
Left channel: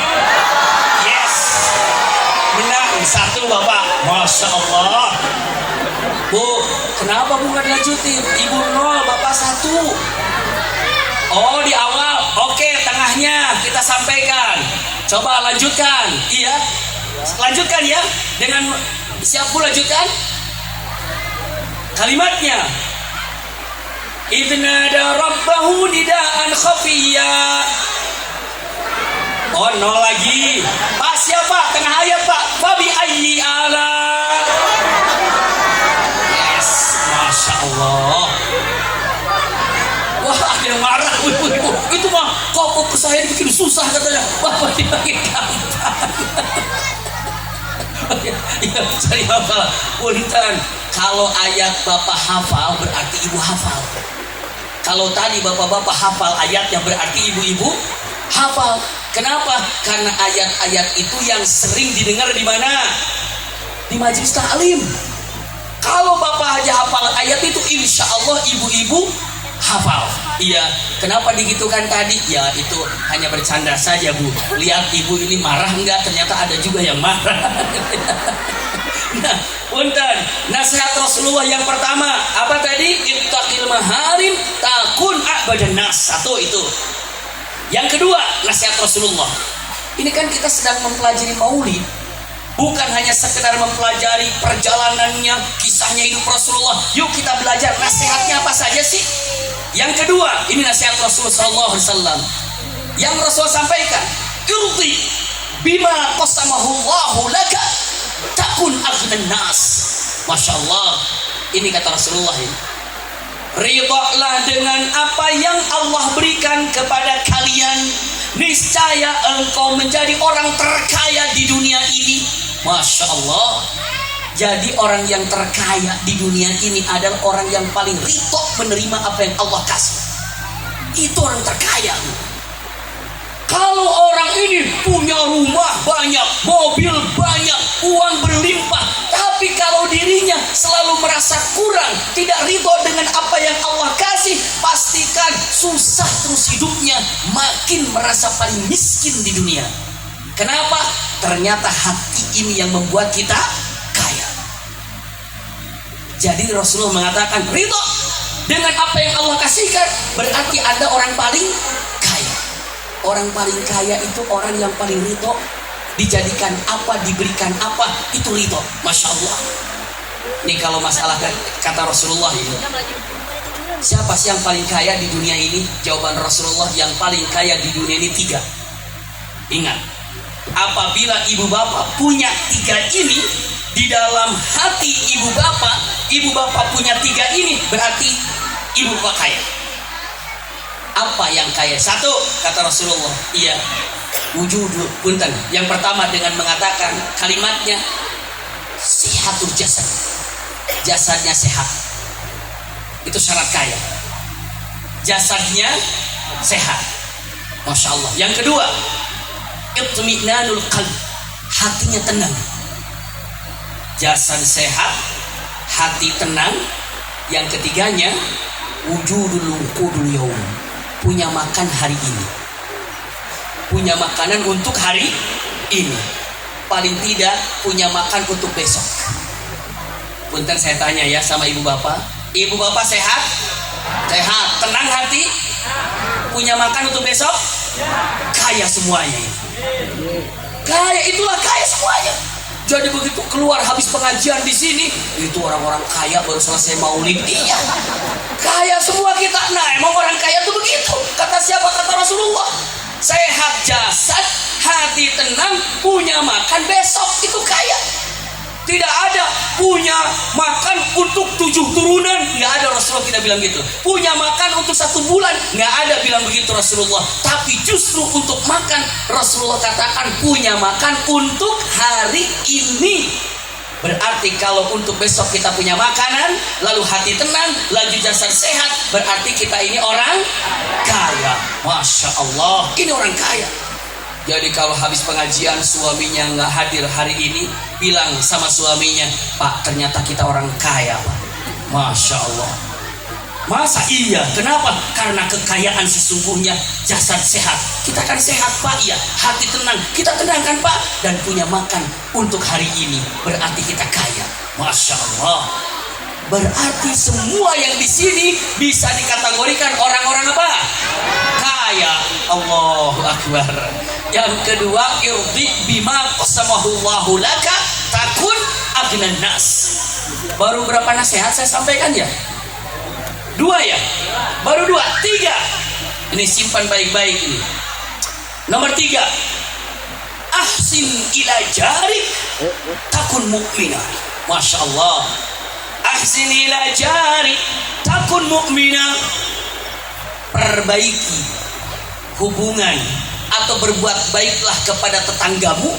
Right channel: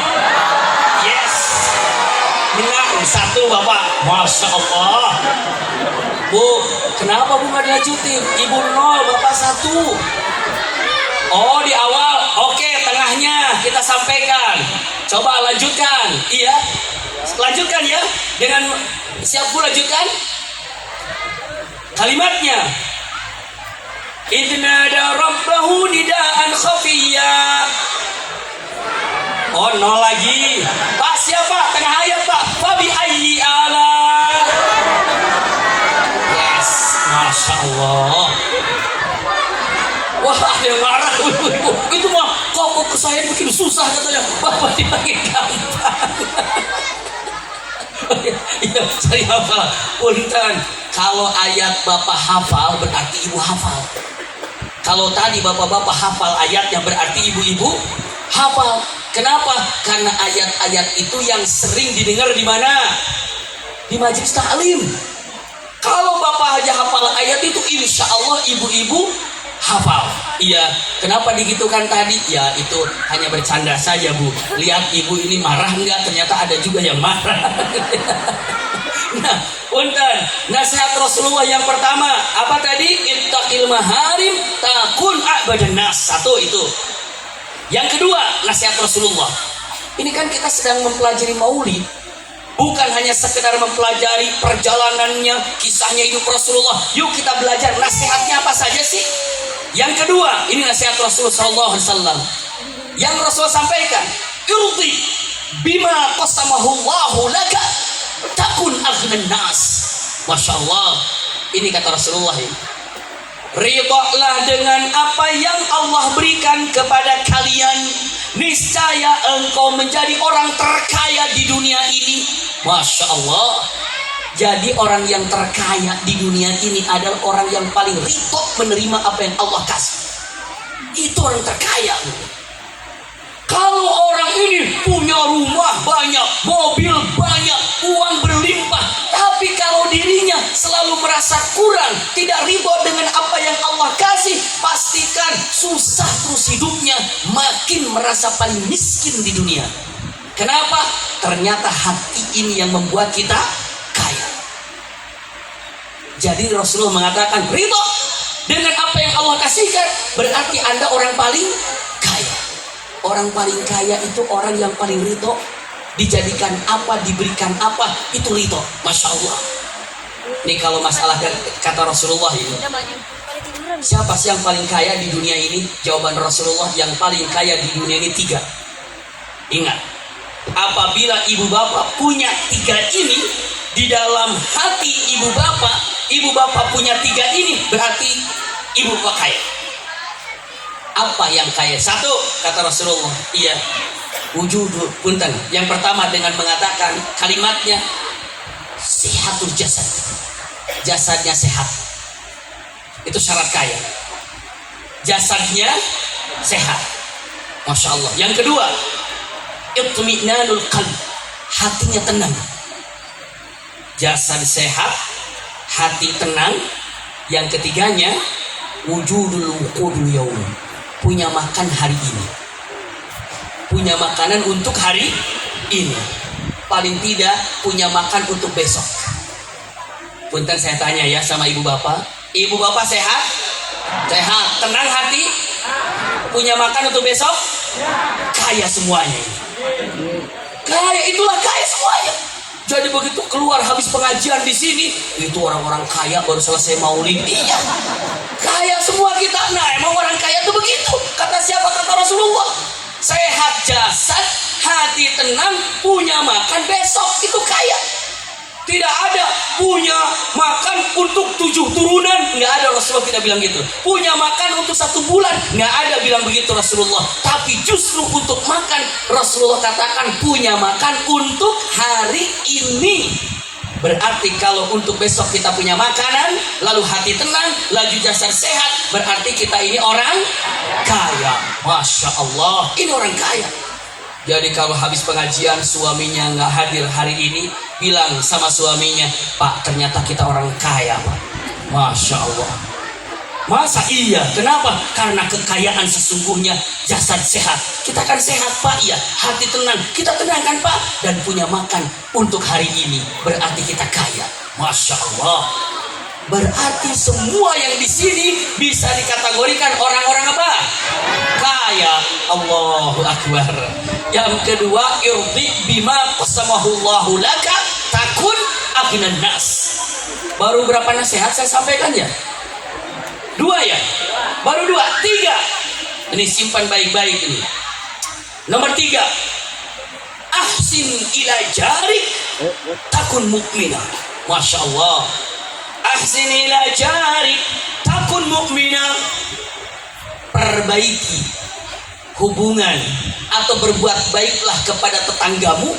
Yes. Menang satu bapak. Masya Allah. Bu, kenapa bu nggak dilanjutin? Ibu nol, bapak satu. Oh di awal, oke, tengahnya kita sampaikan. Coba lanjutkan, iya, lanjutkan ya. Dengan siap bu lanjutkan kalimatnya. Idnada rabbahu nidaan khafiyya. Oh nol lagi. Pak siapa? Tengah ayat pak. Fabi ayyi ala. Yes, Masya Allah. Wah ada yang marah. Itu mah kok ke saya bikin susah katanya. Bapak dipakai gampang. Iya, saya hafal. Punten, kalau ayat bapak hafal berarti ibu hafal. Kalau tadi bapak-bapak hafal ayatnya berarti ibu-ibu hafal. Kenapa? Karena ayat-ayat itu yang sering didengar di mana? Di majelis taklim. Kalau bapak aja hafal ayat itu, insya Allah ibu-ibu hafal. Iya. Kenapa digitukan tadi? Ya itu hanya bercanda saja, Bu. Lihat ibu ini marah enggak? Ternyata ada juga yang marah. Nah, punten, nasihat Rasulullah yang pertama apa tadi? Ittaqil maharim takun a'badan nas. Satu itu. Yang kedua, nasihat Rasulullah. Ini kan kita sedang mempelajari maulid. Bukan hanya sekedar mempelajari perjalanannya, kisahnya hidup Rasulullah. Yuk kita belajar nasihatnya apa saja sih. Yang kedua, ini nasihat Rasulullah SAW. Yang Rasulullah sampaikan, irdi bima qasamahullahu laka takun aghnan nas. Masya Allah. Ini kata Rasulullah ini. Ridhalah dengan apa yang Allah berikan kepada kalian, niscaya engkau menjadi orang terkaya di dunia ini. Masya Allah. Jadi orang yang terkaya di dunia ini adalah orang yang paling ridho menerima apa yang Allah kasih. Itu orang terkaya. Kalau orang ini punya rumah banyak, mobil banyak, uang berlimpah, tapi kalau dirinya selalu merasa kurang, tidak ridho dengan apa yang Allah kasih, pastikan susah terus hidupnya, makin merasa paling miskin di dunia. Kenapa? Ternyata hati ini yang membuat kita kaya. Jadi Rasulullah mengatakan ridho dengan apa yang Allah kasihkan, berarti Anda orang paling kaya. Orang paling kaya itu orang yang paling ridho. Dijadikan apa, diberikan apa, itu ridho. Masya Allah. Ini kalau masalah kata Rasulullah ini, siapa sih yang paling kaya di dunia ini? Jawaban Rasulullah, yang paling kaya di dunia ini 3. Ingat, apabila ibu bapak punya 3 ini di dalam hati ibu bapak punya 3 ini, berarti ibu bapak kaya. Apa yang kaya? 1, kata Rasulullah, iya, wujudul punten. Yang pertama dengan mengatakan kalimatnya sihatul jasad. Jasadnya sehat. Itu syarat kaya. Jasadnya sehat. Masya Allah. Yang kedua, itminanul qalb. Hatinya tenang. Jasad sehat, hati tenang. Yang ketiganya, wujudul wuqudul yaum. Punya makan hari ini. Punya makanan untuk hari ini. Paling tidak punya makan untuk besok. Punten saya tanya ya sama ibu bapak. Ibu bapak sehat? Sehat. Tenang hati? Punya makan untuk besok? Kaya semuanya. Kaya, itulah kaya semuanya. Jadi begitu keluar habis pengajian di sini, itu orang-orang kaya baru selesai maulid. Iya. Kaya semua kita. Nah, emang orang kaya tuh begitu. Kata siapa? Kata Rasulullah. Sehat jasad, hati tenang, punya makan besok, itu kaya. Tidak ada punya makan untuk 7 turunan, nggak ada. Rasulullah tidak bilang gitu. Punya makan untuk 1 bulan, nggak ada bilang begitu Rasulullah. Tapi justru untuk makan, Rasulullah katakan punya makan untuk hari ini. Berarti kalau untuk besok kita punya makanan, lalu hati tenang, lalu jasad sehat, berarti kita ini orang kaya. Masya Allah, ini orang kaya. Jadi kalau habis pengajian suaminya nggak hadir hari ini, bilang sama suaminya, Pak, ternyata kita orang kaya, Pak. Masya Allah. Masa iya? Kenapa? Karena kekayaan sesungguhnya jasad sehat. Kita kan sehat, Pak, ya. Hati tenang, kita tenang kan, Pak. Dan punya makan untuk hari ini, berarti kita kaya. Masya Allah. Berarti semua yang di sini bisa dikategorikan orang-orang apa? Kaya. Allahu Akbar. Yang kedua, irdi bima qasamahullahu laka takun aghnan nas. Baru berapa nasihat saya sampaikan ya? 2 ya? Baru 2, 3. Ini simpan baik-baik ini. Nomor 3, ahsin ila jarik takun mu'minah. Masya Allah. Ahsin ila jarik takun mu'minah. Perbaiki hubungan atau berbuat baiklah kepada tetanggamu,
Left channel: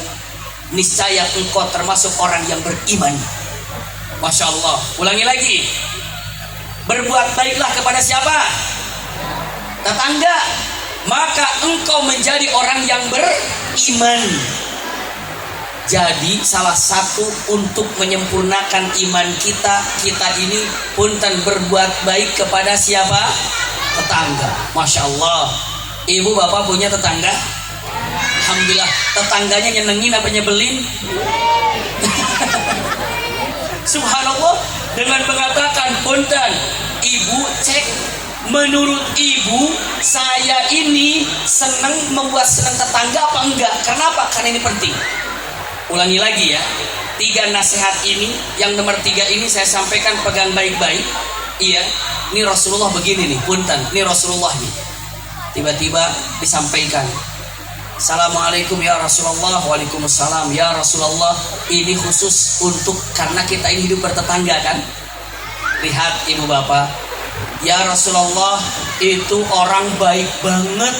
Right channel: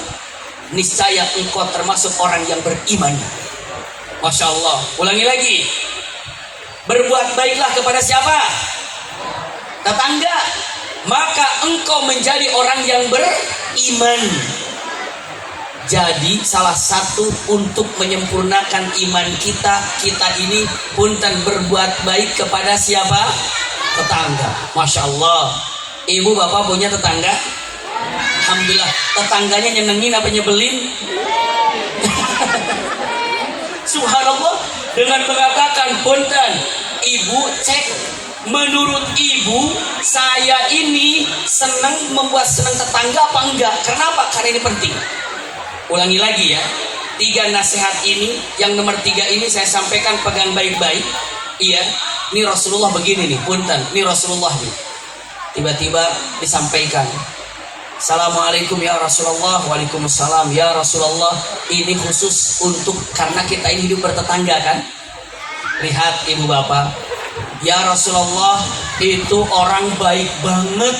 niscaya engkau termasuk orang yang beriman. Masya Allah. Ulangi lagi. Berbuat baiklah kepada siapa? Tetangga. Maka engkau menjadi orang yang beriman. Jadi salah satu untuk menyempurnakan iman kita ini punten berbuat baik kepada siapa? Tetangga. Masya Allah. Ibu bapak punya tetangga? Alhamdulillah. Tetangganya nyenengin apa nyebelin? Subhanallah. Dengan mengatakan punten, ibu cek, menurut ibu saya ini membuat senang tetangga apa enggak? Kenapa? Karena ini penting. Ulangi lagi ya. 3 nasihat ini, yang nomor 3 ini saya sampaikan, pegang baik-baik. Iya, ini Rasulullah begini nih, punten, ini Rasulullah nih. Tiba-tiba disampaikan, Assalamualaikum ya Rasulullah. Waalaikumsalam ya Rasulullah. Ini khusus untuk, karena kita ini hidup bertetangga kan. Lihat ibu bapak, ya Rasulullah itu orang baik banget,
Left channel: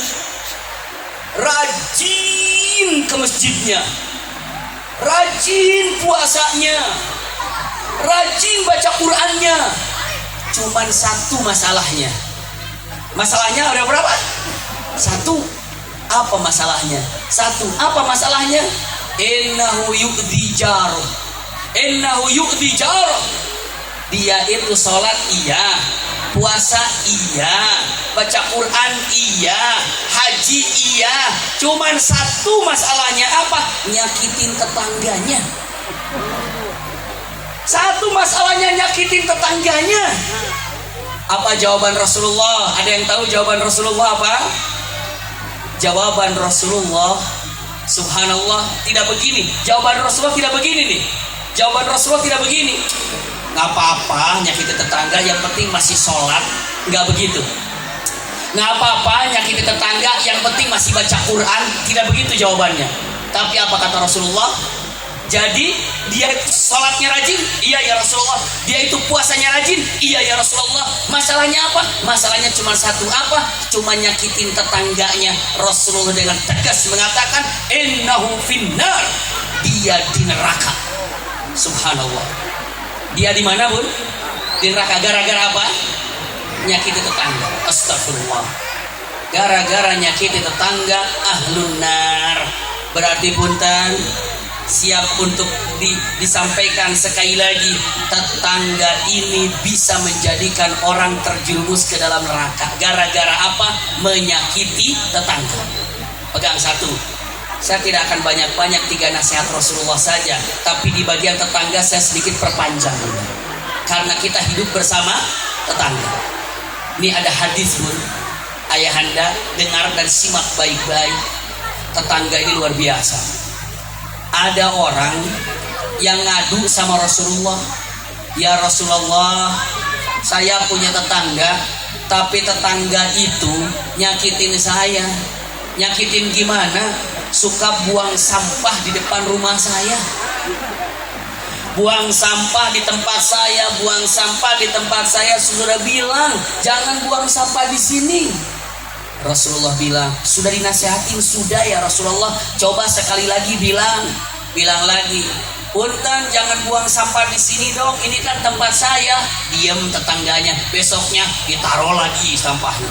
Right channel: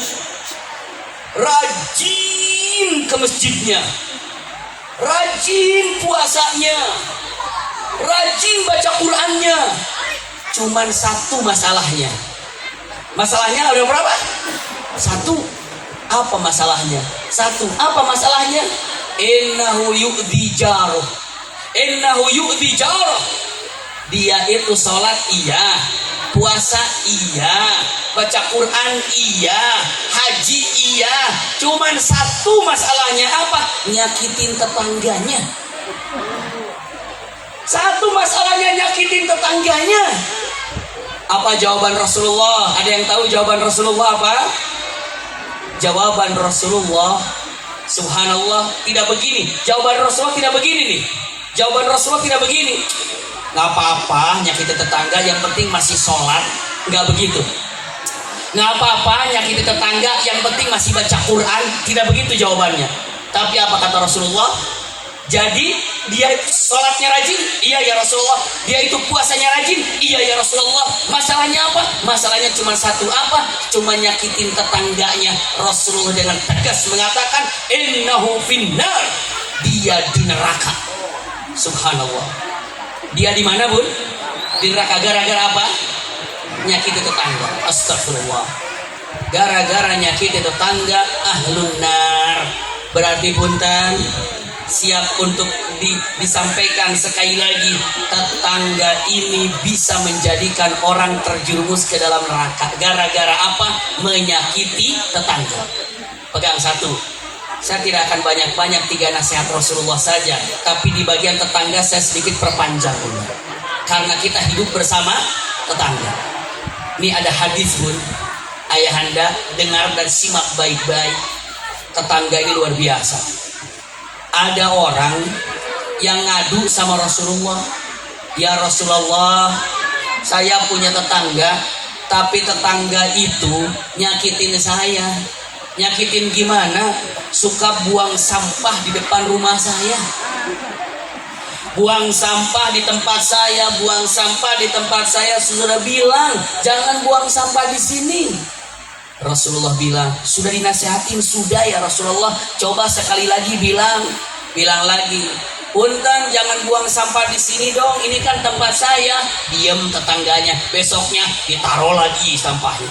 rajin ke masjidnya, rajin puasanya, rajin baca Qur'annya. Cuman satu masalahnya. Masalahnya ada berapa? 1. Apa masalahnya? 1. Apa masalahnya? Innahu yu'dhi jaroh. Innahu yu'dhi jaroh. Dia itu sholat iya, puasa iya, baca Quran iya, haji iya. Cuman 1 masalahnya apa? Nyakitin tetangganya. 1 masalahnya nyakitin tetangganya. Apa jawaban Rasulullah? Ada yang tahu jawaban Rasulullah apa? Jawaban Rasulullah, subhanallah, tidak begini. Jawaban Rasulullah tidak begini nih. Jawaban Rasulullah tidak begini. Nggak apa-apa nyakitin tetangga, yang penting masih sholat. Nggak begitu. Nggak apa-apa nyakitin tetangga, yang penting masih baca Quran. Tidak begitu jawabannya. Tapi apa kata Rasulullah? Jadi dia sholatnya rajin, iya ya Rasulullah. Dia itu puasanya rajin, iya ya Rasulullah. Masalahnya apa? Masalahnya cuma 1, apa? Cuma nyakitin tetangganya. Rasulullah dengan tegas mengatakan, innahu finnar. Dia di neraka. Subhanallah. Dia di mana bun? Di neraka. Gara-gara apa? Nyakiti tetangga. Astagfirullah. Gara-gara nyakiti tetangga, ahlun nar. Berarti punten, siap untuk disampaikan sekali lagi, tetangga ini bisa menjadikan orang terjerumus ke dalam neraka. Gara-gara apa? Menyakiti tetangga. Pegang 1. Saya tidak akan banyak-banyak, 3 nasihat Rasulullah saja, tapi di bagian tetangga saya sedikit perpanjang ini. Karena kita hidup bersama tetangga. Ini ada hadis bun, ayahanda dengar dan simak baik-baik. Tetangga ini luar biasa. Ada orang yang ngadu sama Rasulullah, ya Rasulullah, saya punya tetangga, tapi tetangga itu nyakitin saya. Nyakitin gimana? Suka buang sampah di depan rumah saya, buang sampah di tempat saya, buang sampah di tempat saya. Saudara bilang jangan buang sampah di sini. Rasulullah bilang, sudah dinasihatin, sudah ya Rasulullah. Coba sekali lagi bilang lagi, punten jangan buang sampah di sini dong. Ini kan tempat saya. Diam tetangganya. Besoknya ditaruh lagi sampahnya.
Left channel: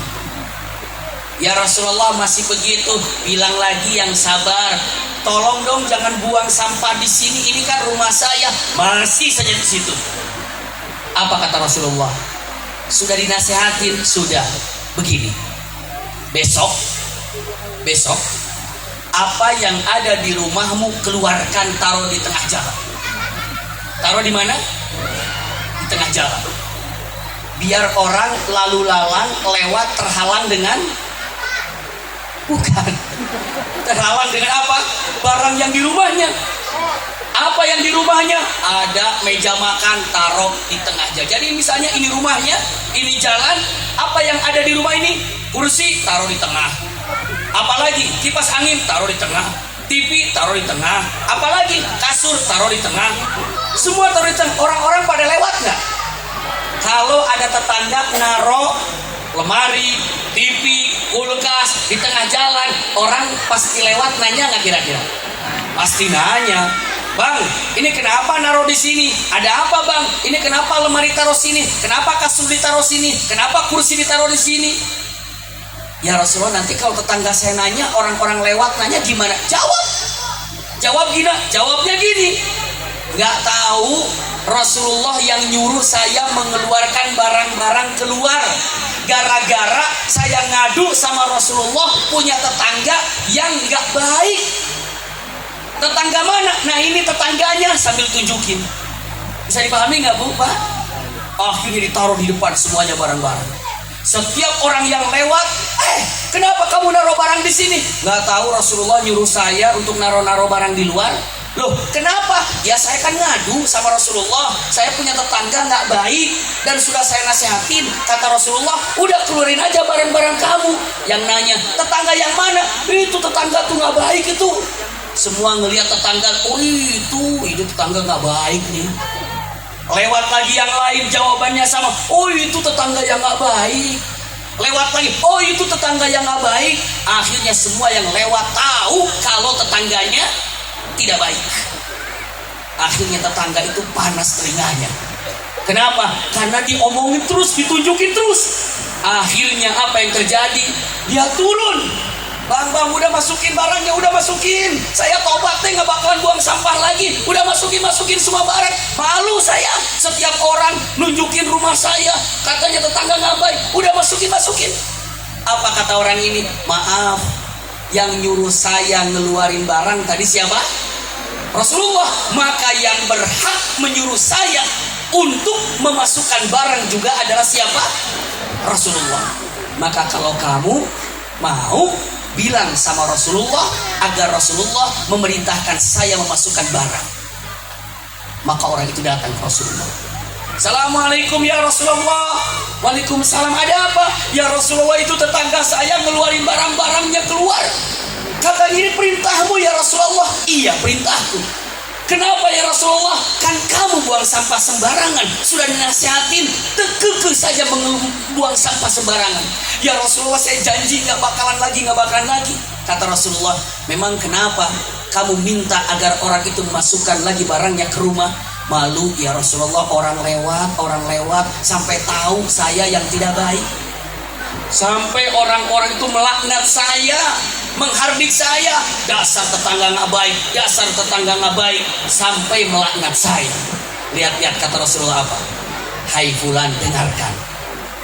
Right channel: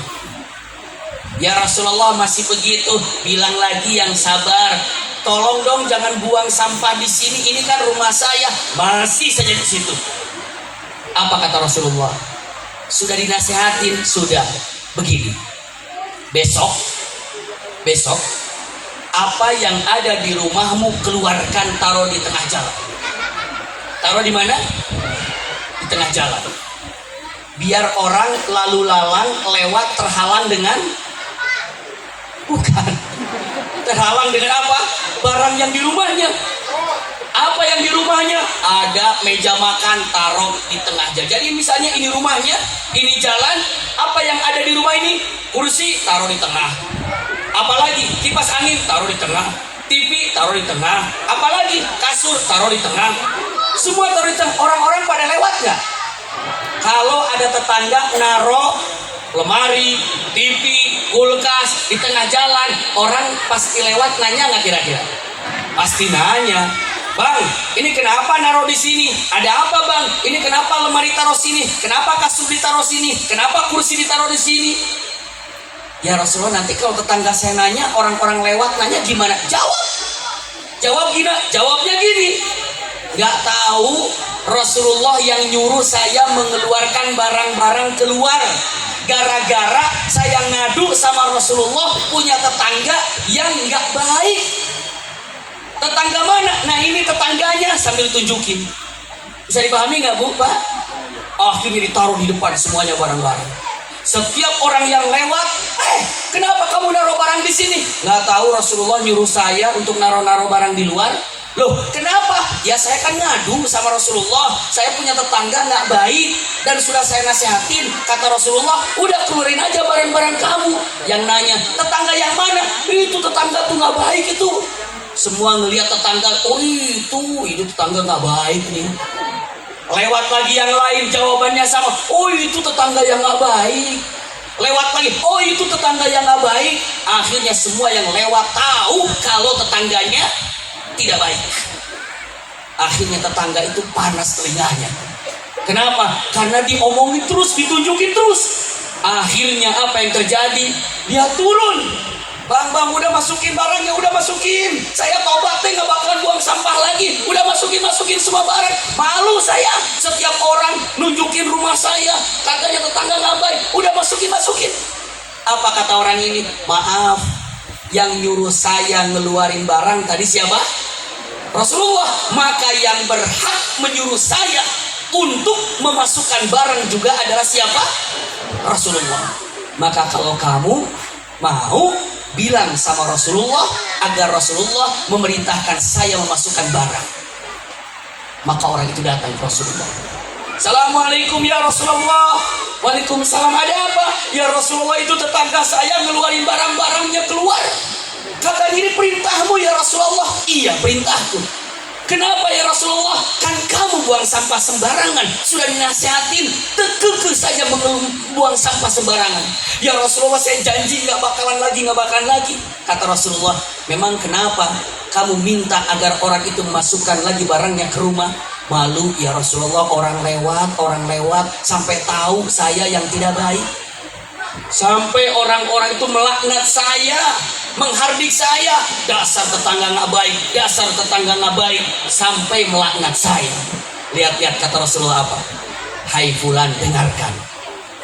Ya Rasulullah masih begitu. Bilang lagi yang sabar. Tolong dong jangan buang sampah di sini. Ini kan rumah saya. Masih saja di situ. Apa kata Rasulullah? Sudah dinasihatin, sudah. Begini. Besok apa yang ada di rumahmu keluarkan, taruh di tengah jalan. Taruh di mana? Di tengah jalan. Biar orang lalu lalang lewat terhalang dengan, bukan, terhalang dengan apa? Barang yang di rumahnya. Apa yang di rumahnya? Ada meja makan, taruh di tengah jalan. Jadi misalnya ini rumahnya, ini jalan. Apa yang ada di rumah ini? Kursi, taruh di tengah. Apalagi kipas angin, taruh di tengah. TV, taruh di tengah. Apalagi kasur, taruh di tengah. Semua taruh di tengah. Orang-orang pada lewat nggak? Kalau ada tetangga naruh lemari, TV, kulkas di tengah jalan, orang pasti lewat, nanya nggak kira-kira? Pasti nanya, bang, ini kenapa naruh di sini? Ada apa bang? Ini kenapa lemari taruh sini? Kenapa kasur ditaruh sini? Kenapa kursi ditaruh di sini? Ya Rasulullah, nanti kalau tetangga saya nanya, orang-orang lewat nanya gimana? Jawabnya gini. Nggak tahu Rasulullah yang nyuruh saya mengeluarkan barang-barang keluar. Gara-gara saya ngadu sama Rasulullah punya tetangga yang nggak baik. Tetangga mana? Nah ini tetangganya, sambil tunjukin. Bisa dipahami nggak bu, Pak? Akhirnya ditaruh di depan semuanya barang-barang. Setiap orang yang lewat, kenapa kamu naruh barang di sini? Nggak tahu, Rasulullah nyuruh saya untuk naruh-naruh barang di luar. Loh, kenapa? Ya saya kan ngadu sama Rasulullah. Saya punya tetangga nggak baik dan sudah saya nasihatin. Kata Rasulullah, udah keluarin aja barang-barang kamu. Yang nanya, tetangga yang mana? Itu tetangga tuh nggak baik itu. Semua ngelihat tetangga, oh itu tetangga nggak baik nih. Lewat lagi yang lain, jawabannya sama, oh itu tetangga yang nggak baik. Lewat lagi, oh itu tetangga yang nggak baik. Akhirnya semua yang lewat tahu kalau tetangganya tidak baik. Akhirnya tetangga itu panas telinganya. Kenapa? Karena diomongin terus, ditunjukin terus. Akhirnya apa yang terjadi? Dia turun. Bang, udah masukin barangnya, udah masukin. Saya tobat deh, nggak bakalan buang sampah lagi. Udah masukin semua barang. Malu saya, setiap orang nunjukin rumah saya. Katanya tetangga nggak baik. Udah masukin. Apa kata orang ini? Maaf, yang nyuruh saya ngeluarin barang tadi siapa? Rasulullah. Maka yang berhak menyuruh saya untuk memasukkan barang juga adalah siapa? Rasulullah. Maka kalau kamu mau, bilang sama Rasulullah agar Rasulullah memerintahkan saya memasukkan barang. Maka orang itu datang ke Rasulullah. Assalamualaikum ya Rasulullah. Waalaikumsalam, ada apa? Ya Rasulullah, itu tetangga saya ngeluarin barang-barangnya keluar. Kata ini perintahmu ya Rasulullah. Iya, perintahku. Kenapa ya Rasulullah? Kan kamu buang sampah sembarangan. Sudah dinasihatin, kekeh saja buang sampah sembarangan. Ya Rasulullah, saya janji nggak bakalan lagi. Kata Rasulullah, memang kenapa kamu minta agar orang itu memasukkan lagi barangnya ke rumah? Malu ya Rasulullah, orang lewat sampai tahu saya yang tidak baik. Sampai orang-orang itu melaknat saya, menghardik saya. Dasar tetangga nggak baik, sampai melaknat saya. Lihat kata Rasulullah apa? Hai fulan, dengarkan.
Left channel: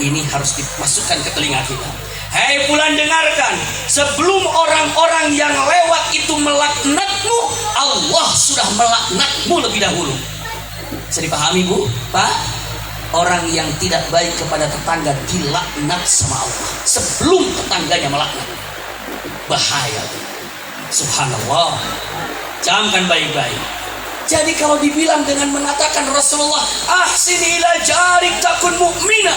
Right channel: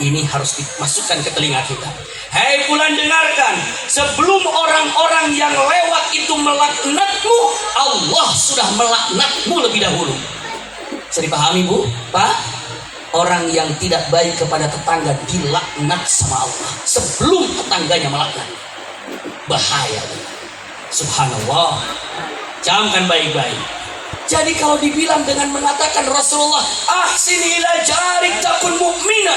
Ini harus dimasukkan ke telinga kita. Hai fulan, dengarkan. Sebelum orang-orang yang lewat itu melaknatmu, Allah sudah melaknatmu lebih dahulu. Bisa dipahami bu, Pak? Orang yang tidak baik kepada tetangga dilaknat sama Allah sebelum tetangganya melaknat. Bahaya. Subhanallah. Camkan baik-baik. Jadi kalau dibilang dengan mengatakan Rasulullah, ahsini ila jarik takun mu'mina,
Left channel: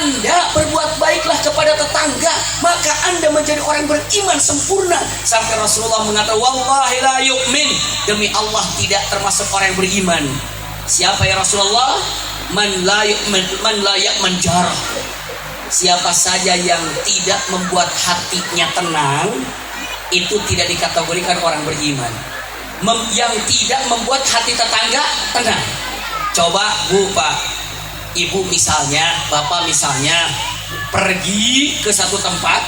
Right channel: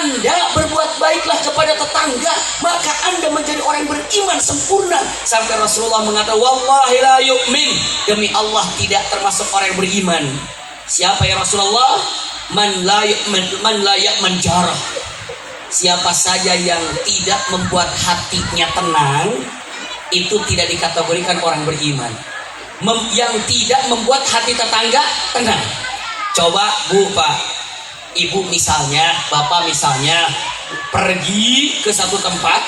Anda berbuat baiklah kepada tetangga, maka Anda menjadi orang beriman sempurna. Sampai Rasulullah mengatakan, wallahi la yu'min, demi Allah tidak termasuk orang yang beriman. Siapa ya Rasulullah? Man la ya'man jarah. Siapa saja yang tidak membuat hatinya tenang, itu tidak dikategorikan orang beriman. Yang tidak membuat hati tetangga tenang. Coba bu, pak, ibu misalnya, bapak misalnya pergi ke satu tempat,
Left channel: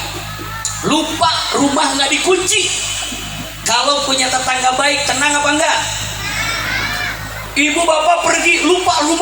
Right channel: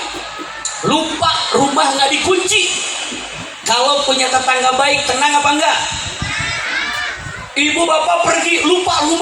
lupa rumah nggak dikunci. Kalau punya tetangga baik, tenang apa enggak? Ibu bapak pergi lupa rumah